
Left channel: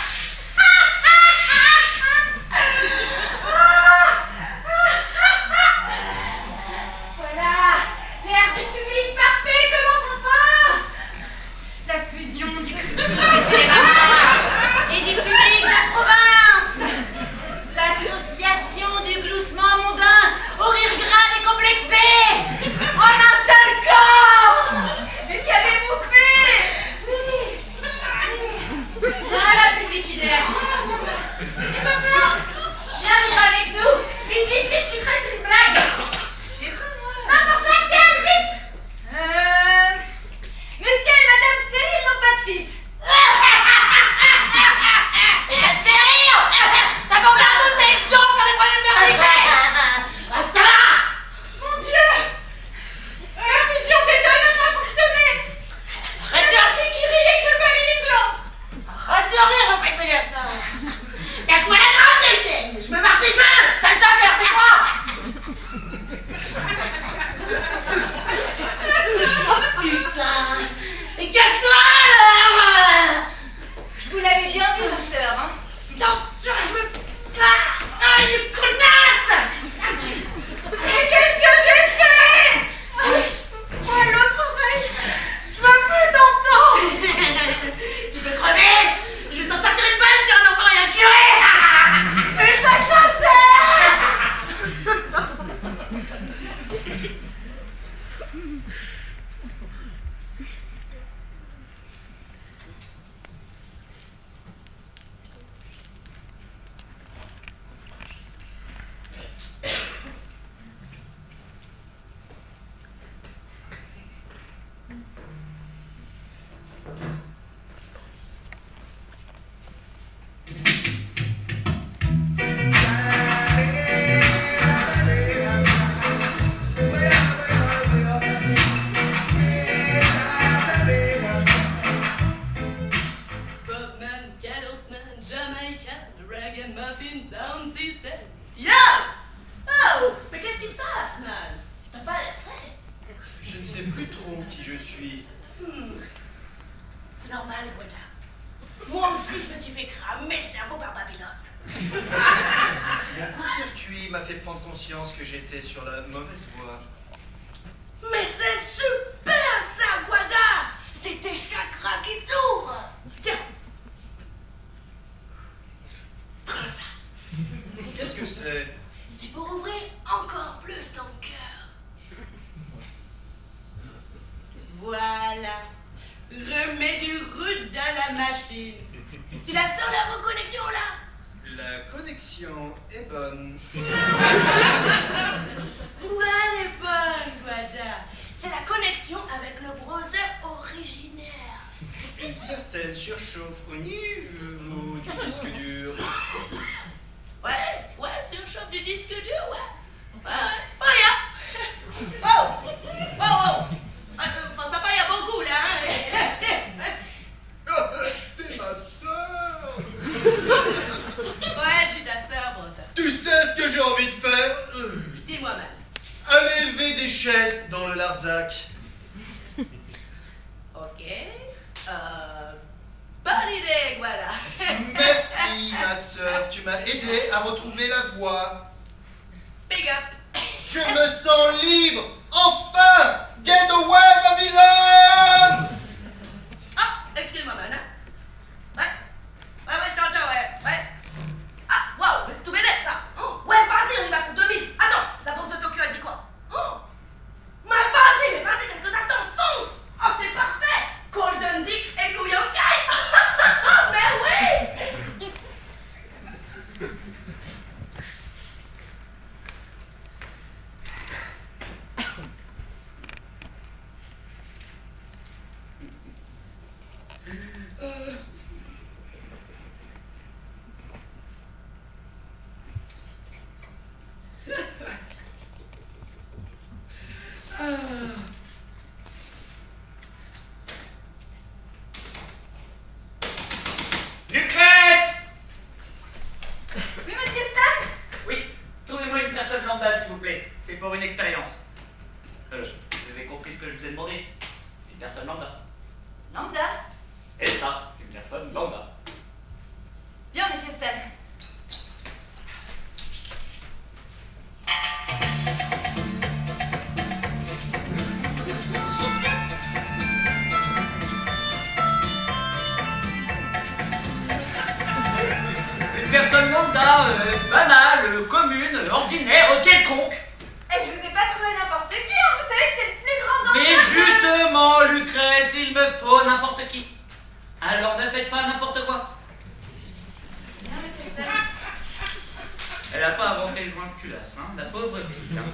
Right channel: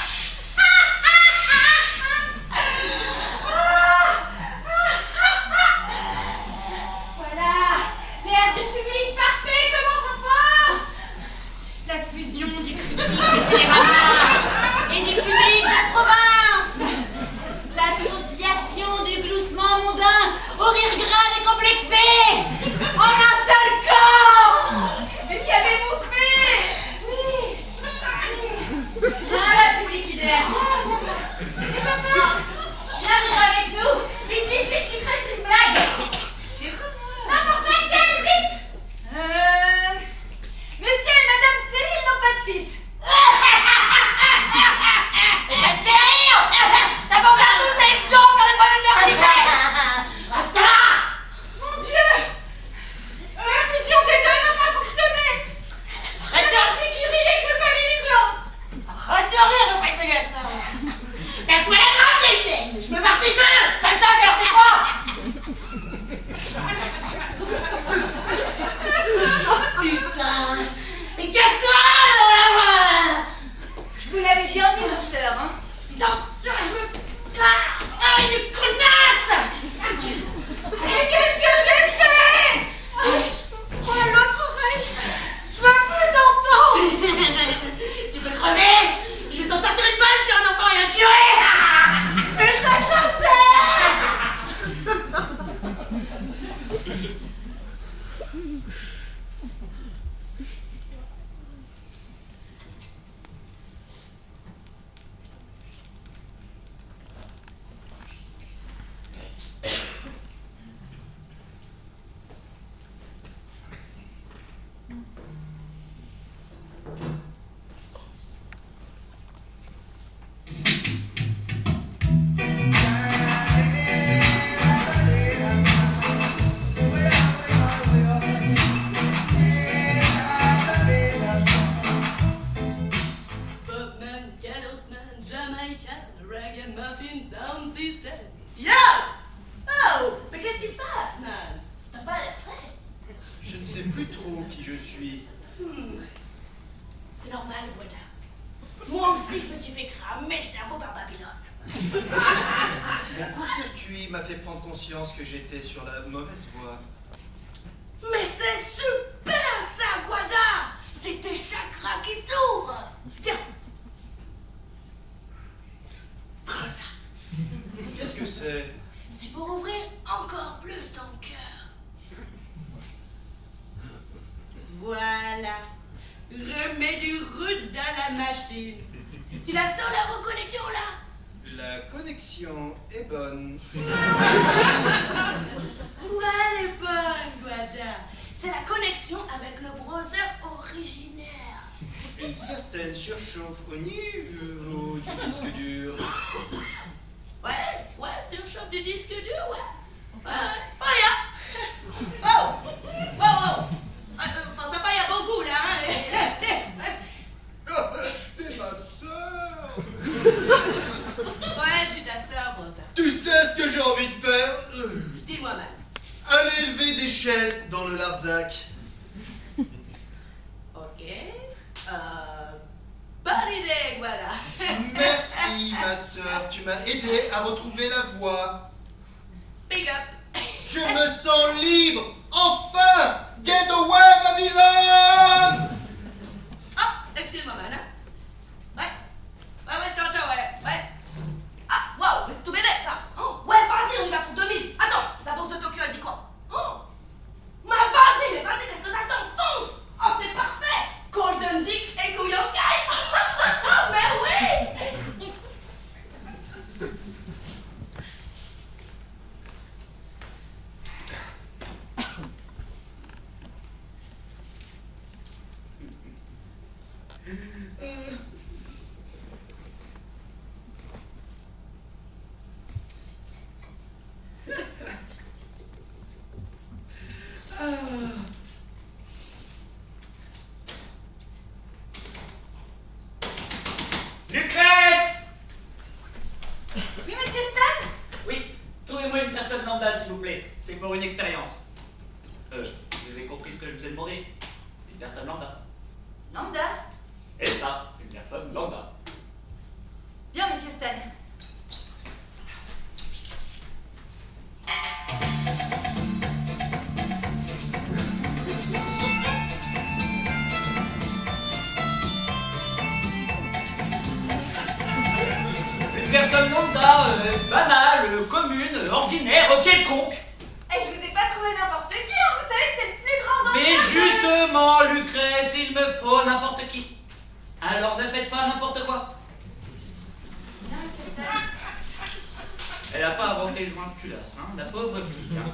Martin Sound System. Yo! Oh! Mais qu'est-ce qui se passe, man? T'as pas l'air frais. Je ne sais plus trop qui je suis. C'est normal, Boida. Moi aussi, je me suis fait cramer le cerveau par Babylone. Mon court-circuit m'a fait prendre conscience que j'étais sur la mauvaise voie. Mais c'est super, ça, Guada! C'est tes chakras qui s'ouvrent. Tiens. Prends ça. Qu'est-ce que c'est? C'est pour ouvrir encore plus ton cœur. Voilà. Remets du roots dans la machine. Tu la sens, la reconnexion, là? La connexion est bonne. Ouais, elle est bonne, Guada. C'est la connexion avec le browser originaire. Une certaine surchauffe au niveau du disque dur. Ouais, surchauffe du disque dur, ouais. Fire! Oh! Enfin, ça fire beaucoup, là, hein. T'es ma sœur! Ouais, je suis ta sœur, Brosa. Tu sais ce que j'ai envie de faire? Dis-moi même. Aller élever des chaises dans le Larzac. Ok. Bonne idée, voilà. Merci, ma sœur. Tu m'as aidé à retrouver la voie. Big up. Je me sens libre. Enfin! Get away, Babylone! Ah, excuse-moi, man. Hein? Ouais, je t'entends, ouais. Ah, waouh, mais c'est tout bénef, ça. Oh, ouais, vas-y, on y va pour 2000. Attends, la bourse de Tokyo, elle dit quoi? Oh, mais vas-y, qu'est-ce que t'attends? Fonce! Oh, c'est parfait! Golden Dick et Couillon Sky! Mais oui! Lucrèce! Oui, monsieur Stan? Oui, trouvez-moi une personne lambda, s'il vous plaît. C'est pour une expérience. Vous avez compris ce que je vous ai demandé? Une personne lambda. Lambda? Et ça, une personne lambda. Bien, monsieur Stan. Une personne lambda, banale, commune, ordinaire, quelconque. Et je vous ai pas trouvé n'importe qui, hein. Vous savez que c'est le plus grand d'entre Mais eux. justement, Lucrèce, il me faut n'importe qui. Alors ne faites pas n'importe quoi. Non, monsieur Stan. Elle n'a pas inventé le joint de culasse, hein, la pauvre fille. Hein.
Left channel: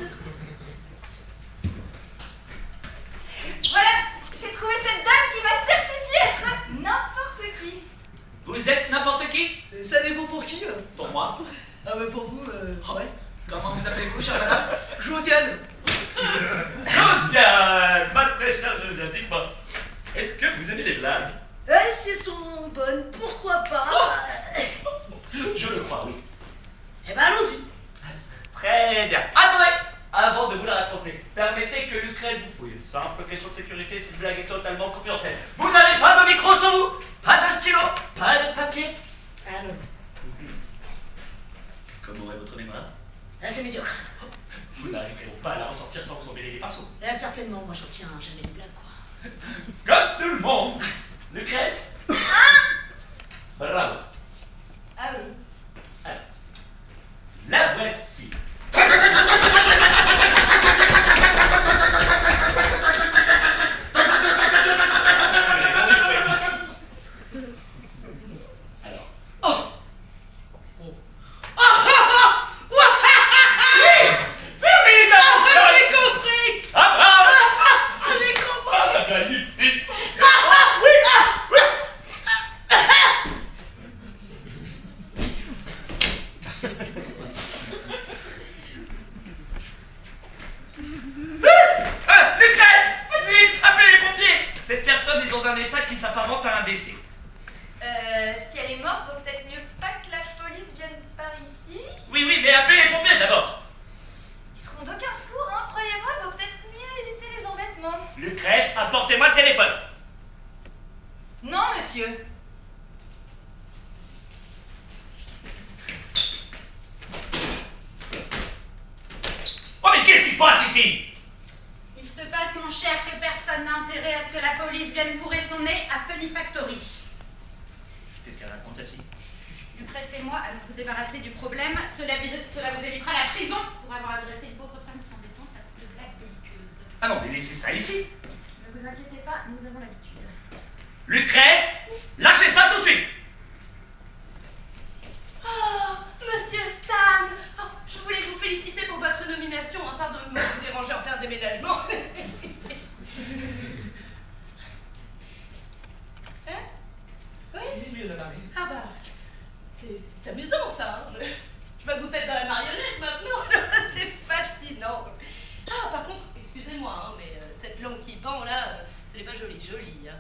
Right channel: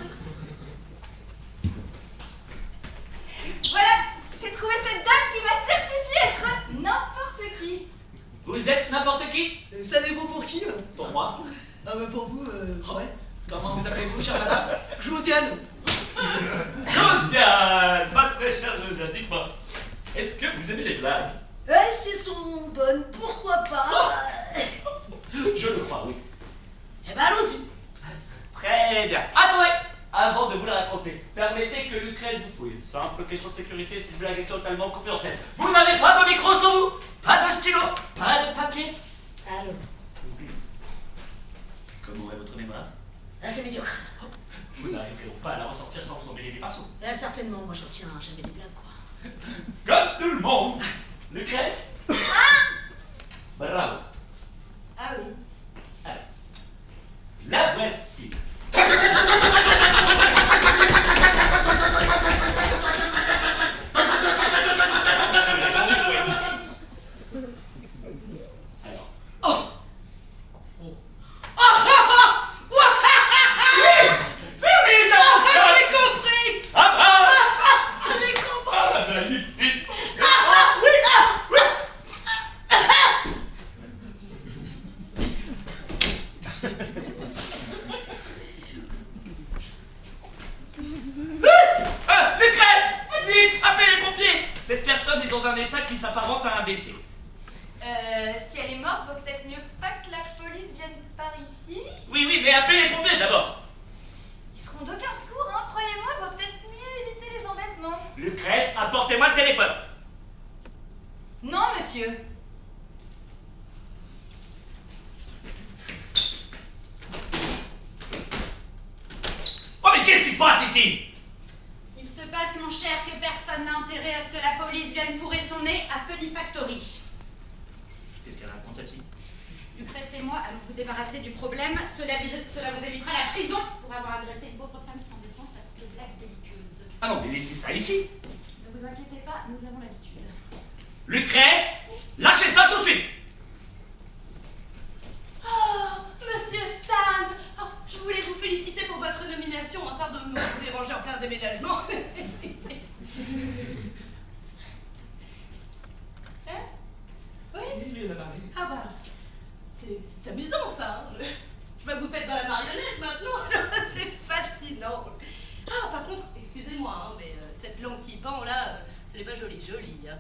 Voilà, j'ai trouvé cette dame qui m'a certifié être n'importe qui. Vous êtes n'importe qui? Savez-vous pour qui? Pour moi. Ah, mais pour vous, ouais. Comment vous appelez-vous, chère madame? Josiane. Josiane! Ma très chère Josiane, dites-moi, est-ce que vous aimez les blagues? Si elles sont bonnes, pourquoi pas? Je le crois, oui. Eh ben, allons-y. Très bien. Attendez! Avant de vous la raconter, permettez que Lucrèce vous fouille. Simple question de sécurité, cette blague est totalement confidentielle. Vous n'avez pas de micro sur vous? Pas de stylo? Pas de papier? Ah non. Comment est votre mémoire? Ah, c'est médiocre. Vous n'arriverez donc pas à la ressortir sans vous emmêler les pinceaux. Ah, certainement, moi je retiens jamais des blagues, quoi. Comme tout le monde! Lucrèce? Bravo. Ah oui. Alors, la voici. Alors. Oh! Oui, ça fonctionne! J'ai compris! Ah, bravo! J'ai compris! Ah, bah, vite! Lucrèce! Vite! Appelez les pompiers! Cette personne est dans un état qui s'apparente à un décès. Si elle est morte, vaut peut-être mieux pas que la police vienne par ici. Oui, oui, mais appelez les pompiers d'abord. Ils seront d'aucun secours, hein, croyez-moi, il vaut peut-être mieux éviter les embêtements. Lucrèce, apportez-moi le téléphone. Non, monsieur. Oh, mais qu'est-ce qui se passe ici? Il se passe, mon cher, que personne n'a intérêt à ce que la police vienne fourrer son nez à Funny Factory. Qu'est-ce qu'elle raconte, celle-ci? Lucrèce et moi allons vous débarrasser du problème. Cela vous évitera la prison pour avoir agressé une pauvre femme sans défense à coups de blagues belliqueuses. Ah non, mais laissez ça ici. Ne vous inquiétez pas, nous avons l'habitude. Lucrèce, lâchez ça tout de suite. Oh, monsieur Stan, oh, je voulais vous féliciter pour votre nomination. Pardon de vous déranger en plein déménagement. Hein? Oui? Oui, on a parlé. Ah bah, c'est amusant ça. Hein. Je vois que vous faites dans la marionnette maintenant. C'est fascinant. Ah, par contre, excusez-moi, hein, mais cette langue qui pend là, ce n'est pas joli. Hein.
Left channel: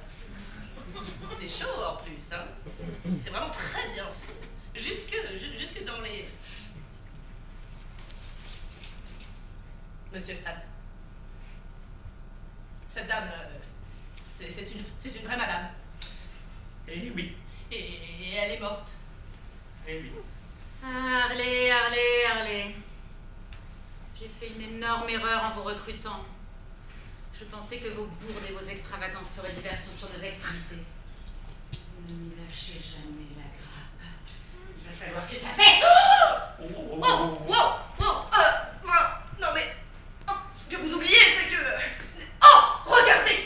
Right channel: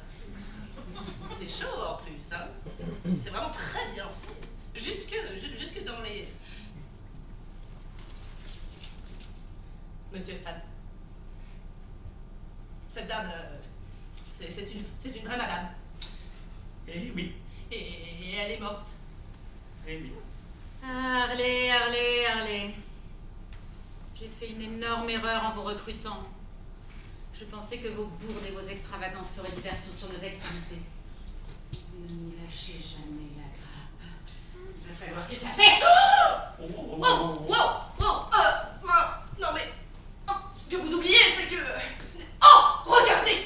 C'est chaud en plus. Hein. C'est vraiment très bien fait. Jusque dans les... Monsieur Stan. Cette dame là, c'est une vraie madame. Eh oui. Et elle est morte. Eh oui. Harley. J'ai fait une énorme erreur en vous recrutant. Je pensais que vos bourdes et vos extravagances feraient diversion sur nos activités. Ne lâchez jamais la grappe. Il va falloir que ça cesse. Non mais... oh, ce que vous oubliez, c'est que... Oh, regardez.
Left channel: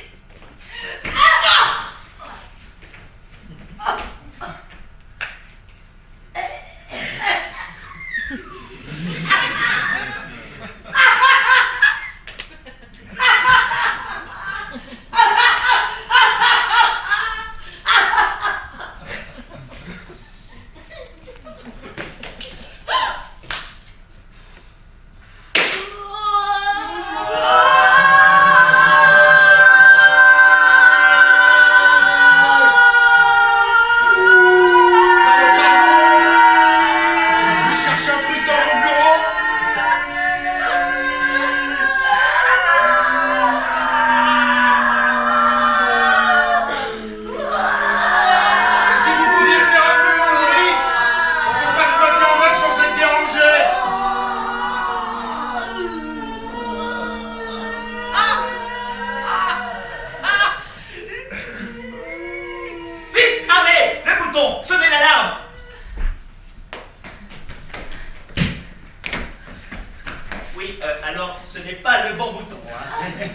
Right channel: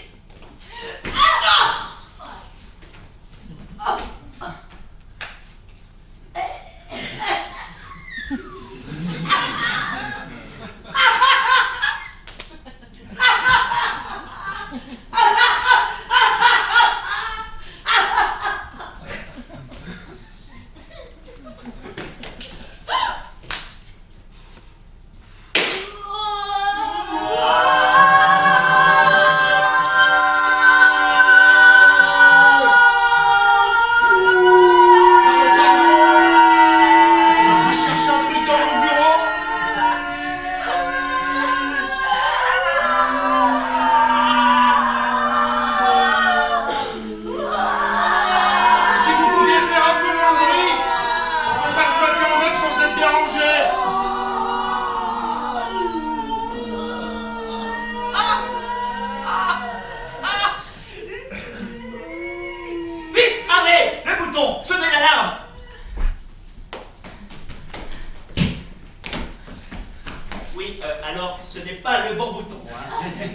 Sonnez l'alarme. Oui, alors, ce n'est pas le bon bouton. Hein.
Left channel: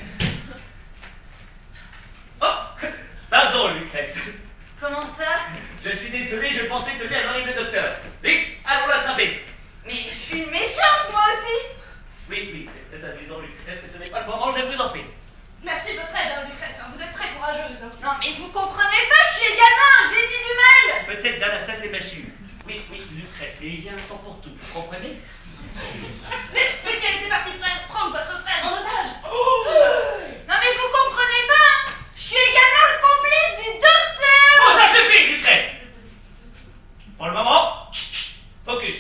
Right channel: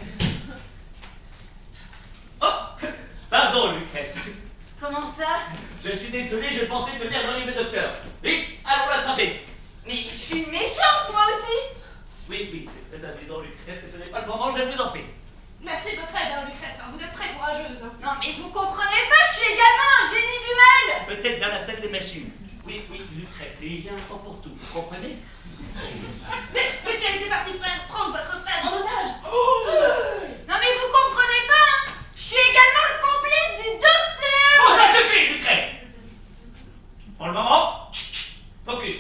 Oh, pardon, Lucrèce. Comment ça? Je suis désolé, je pensais tenir l'horrible docteur. Vite, allons l'attraper. Mais je suis méchante, moi aussi. Oui, c'est très amusant, Lucrèce, mais ce n'est pas le moment, je vous en prie. Merci de votre aide, hein, Lucrèce. Hein. Vous êtes très courageuse. Hein. Non, mais vous comprenez pas, je suis également un génie du mal. Peut-être dans la salle des machines. Oui, Lucrèce, mais il y a un temps pour tout, vous comprenez? Mais si elle était partie prendre votre frère en otage. Non, mais vous comprenez pas, hein. Je suis également le complice du docteur. Bon, ça suffit, Lucrèce. Pour le moment, focus.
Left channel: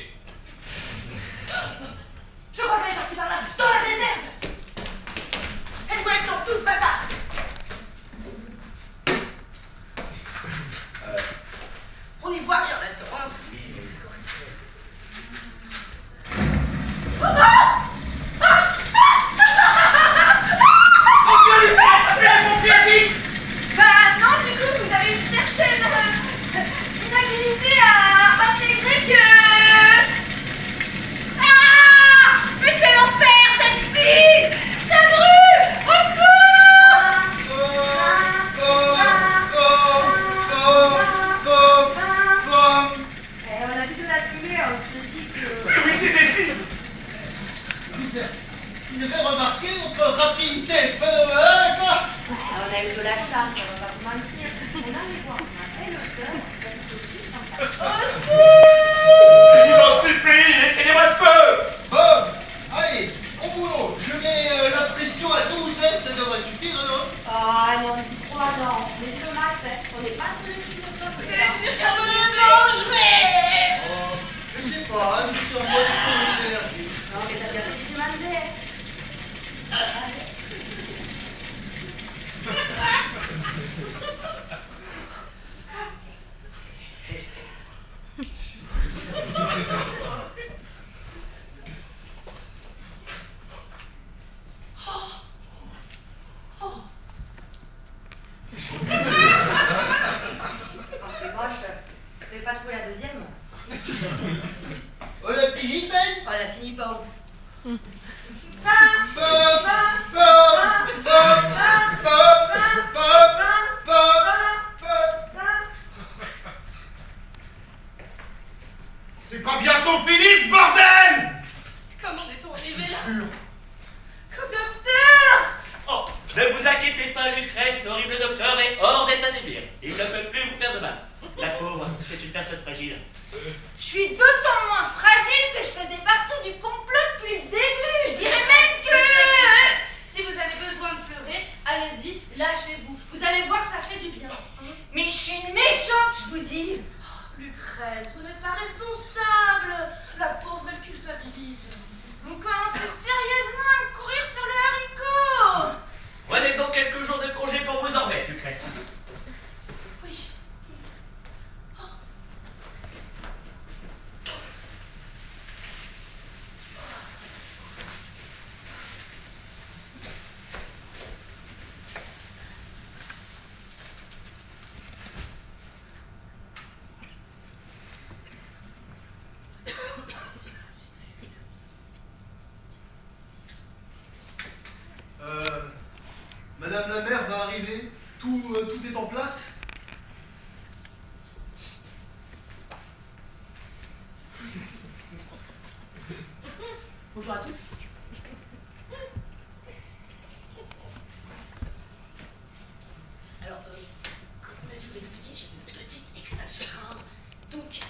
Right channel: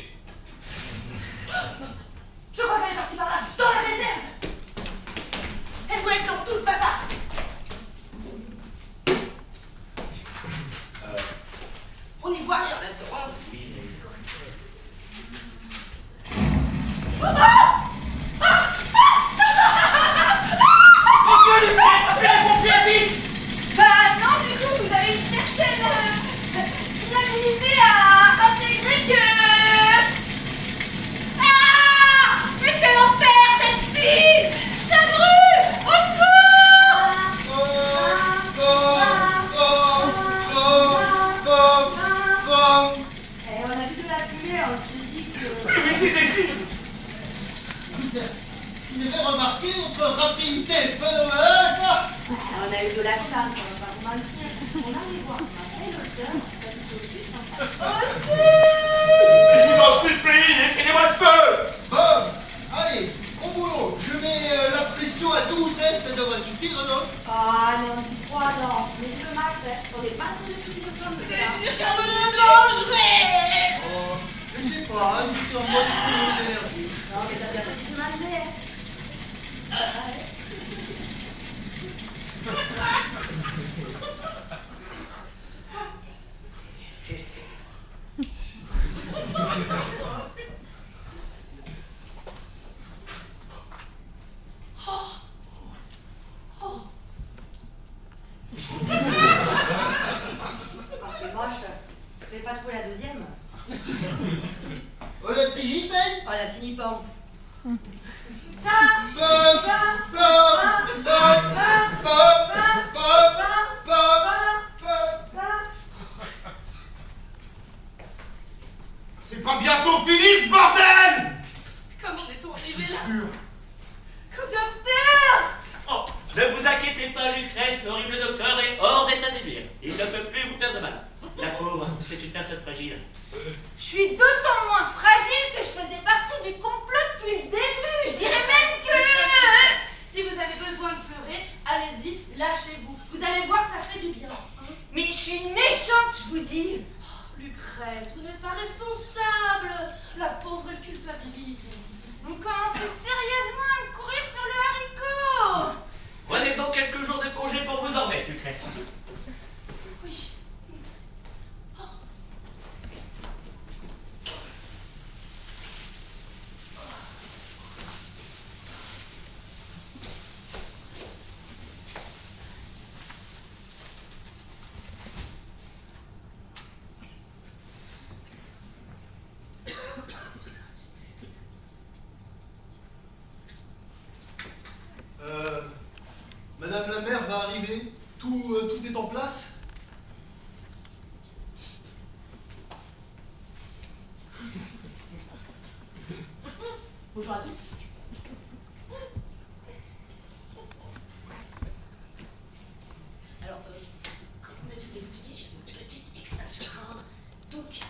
Je crois qu'elle est partie par là, dans la réserve. Elle doit être dans tout ce bazar. On n'y voit rien là-dedans. Hein. Mon Dieu, Lucrèce, appelez les pompiers vite. Bah non, du coup, vous avez une certaine inhabilité à intégrer que... Ah! Mais c'est l'enfer, cette fille! Ça brûle! Au On a vu de la fumée, on s'est dit que... Oui, c'était sûr. Vous avez remarqué notre rapidité phénoménale, quoi? On a eu de la chance, on va pas vous mentir. On allait voir ma belle-sœur qui habite juste en face. Je vous en supplie, éteignez-moi ce feu. Bon, allez, au boulot. Je mets la pression à 12, hein, ça devrait suffire, non? Ah non, tu crois, non. Mais le max, hein, on n'est pas sur les petits femmes. Je me vengerai! Je sais pas, la deuxième. On a fini, Ben? Oh, elle a fini pas. C'est pas bientôt fini ce bordel! Comment est-on arrivé là? Jure. Docteur! Oh, ne vous inquiétez pas, Lucrèce, l'horrible docteur est hors d'état d'ébir. Il ne peut plus vous faire de mal. La pauvre, c'est une personne fragile. Je suis d'autant moins fragile que je faisais partie du complot depuis le début. Je dirais même que... Si vous avez besoin de pleurer, allez-y, lâchez-vous. Vous allez voir, ça fait du bien. Mais je suis une méchante, je vous dis. Lucrèce, vous n'êtes pas responsable. La pauvre, elle culpabilise. Vous commencez sérieusement à me courir sur le haricot. Prenez donc quelques jours de congé pour vous en remettre, Lucrèce. Oui. Madame la mère va arriver. Tout est en place. Bonjour à tous. Alors, comme je vous l'ai expliqué, j'ai une petite extraction rare. Donc,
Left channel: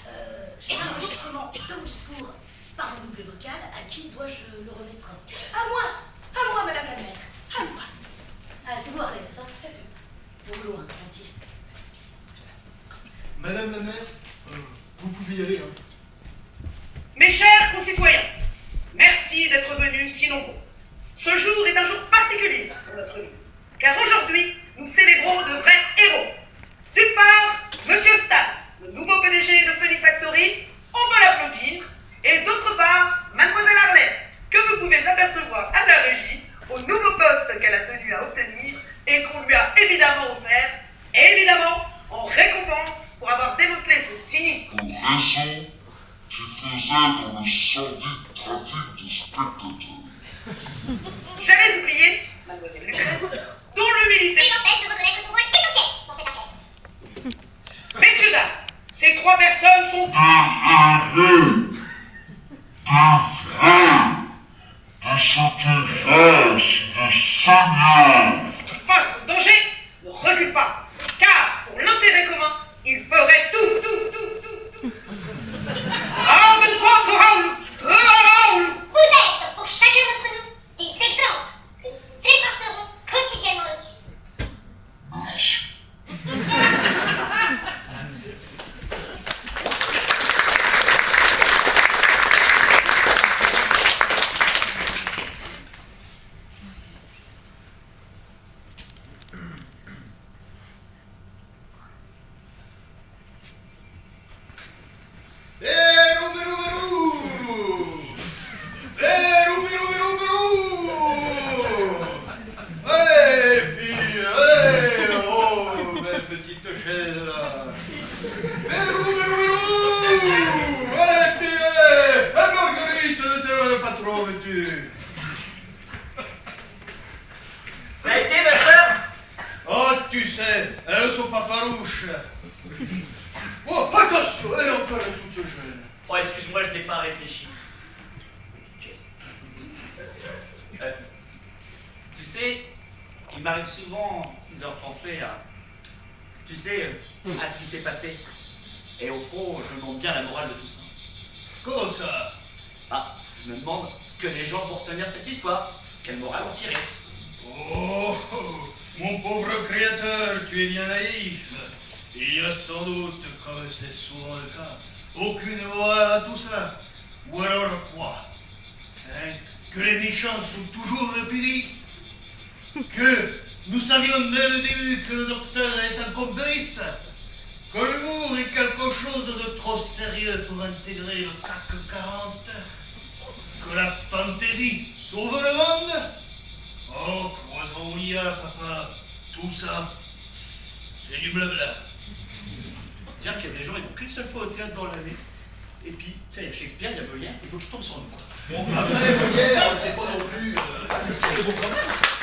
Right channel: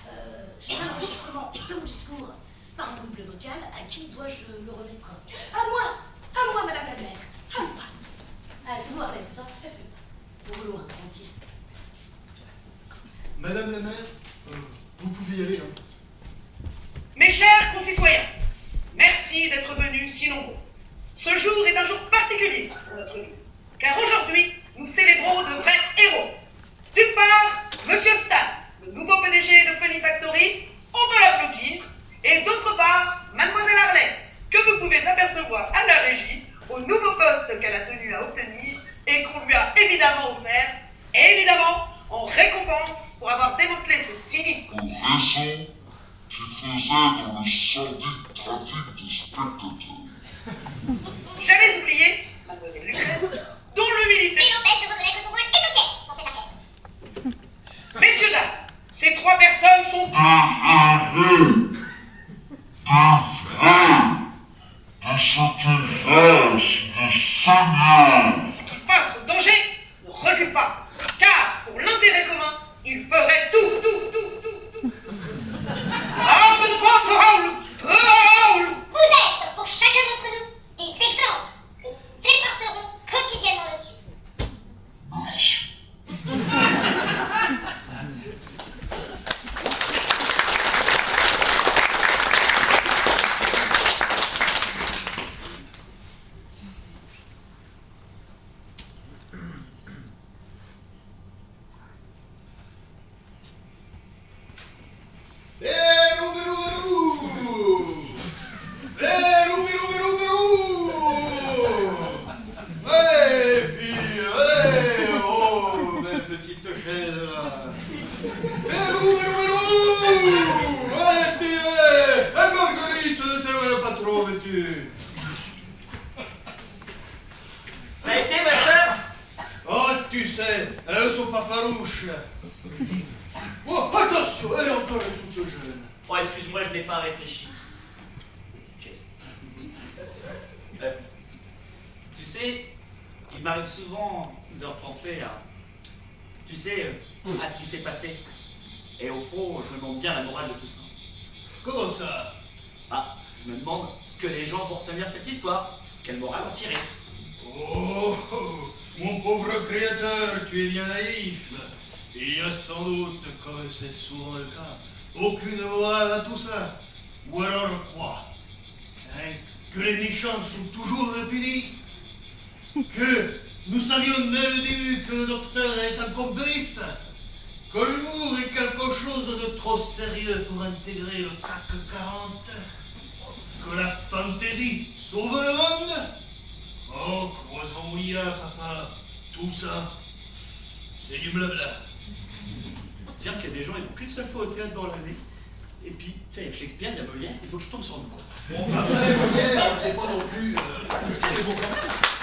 j'ai un enregistrement de mon discours par un double vocal. À qui dois-je le remettre? À moi, madame la mère, à moi. Ah, c'est vous, Harley, c'est ça? Bon boulot, hein, gentil. Madame la mère, vous pouvez y aller. Hein. Mes chers concitoyens, merci d'être venus si nombreux. Ce jour est un jour particulier pour notre vie, car aujourd'hui, nous célébrons de vrais héros. D'une part, Monsieur Stan, le nouveau PDG de Funny Factory, on peut l'applaudir, et d'autre part, Mademoiselle Harley, que vous pouvez apercevoir à la régie, au nouveau poste qu'elle a tenu à obtenir et qu'on lui a évidemment offert, et évidemment en récompense pour avoir démantelé ce sinistre raison qui faisait dans le sordide trafic de spectateurs. J'avais oublié, Mademoiselle Lucrèce, dont l'humilité n'empêche de reconnaître son rôle essentiel dans cette affaire. Messieurs, dames, ces trois personnes sont face au danger, ne recule pas, car pour l'intérêt commun, il ferait tout. Arme de force au Raoul. Vous êtes, pour chacun d'entre nous, des exemples. Nous efforcerons quotidiennement le suivre. Ça a été, ma soeur? Oh, tu sais, elles ne sont pas farouches. Oh, attention, elle est encore toute jeune. Oh, excuse-moi, je n'ai pas réfléchi. Tu sais, il m'arrive souvent de repenser à ce qui s'est passé. Et au fond, je me demande bien la morale de tout ça. Comment ça? Ah, je me demande ce que les gens vont retenir de cette histoire. Quelle morale en tirer? Oh, mon pauvre créateur, tu es bien naïf. Il y a sans doute, comme c'est souvent le cas, aucune morale à tout ça. Ou alors quoi? Hein? Que les méchants sont toujours punis? Que nous savions dès le début que le docteur est un complice? Que l'humour est quelque chose de trop sérieux pour intégrer le CAC 40? Que la fantaisie sauve le monde? Oh, croisons l'IA, papa. Tout ça, c'est du blabla. Dire qu'il y a des gens, ils n'ont qu'une seule fois au théâtre dans l'année. Et puis, tu sais, il y a Shakespeare, il y a Molière, il faut qu'ils tombent sur nous. Bon, après, Molière, c'est pas non plus... Je sais, mais bon, quand même.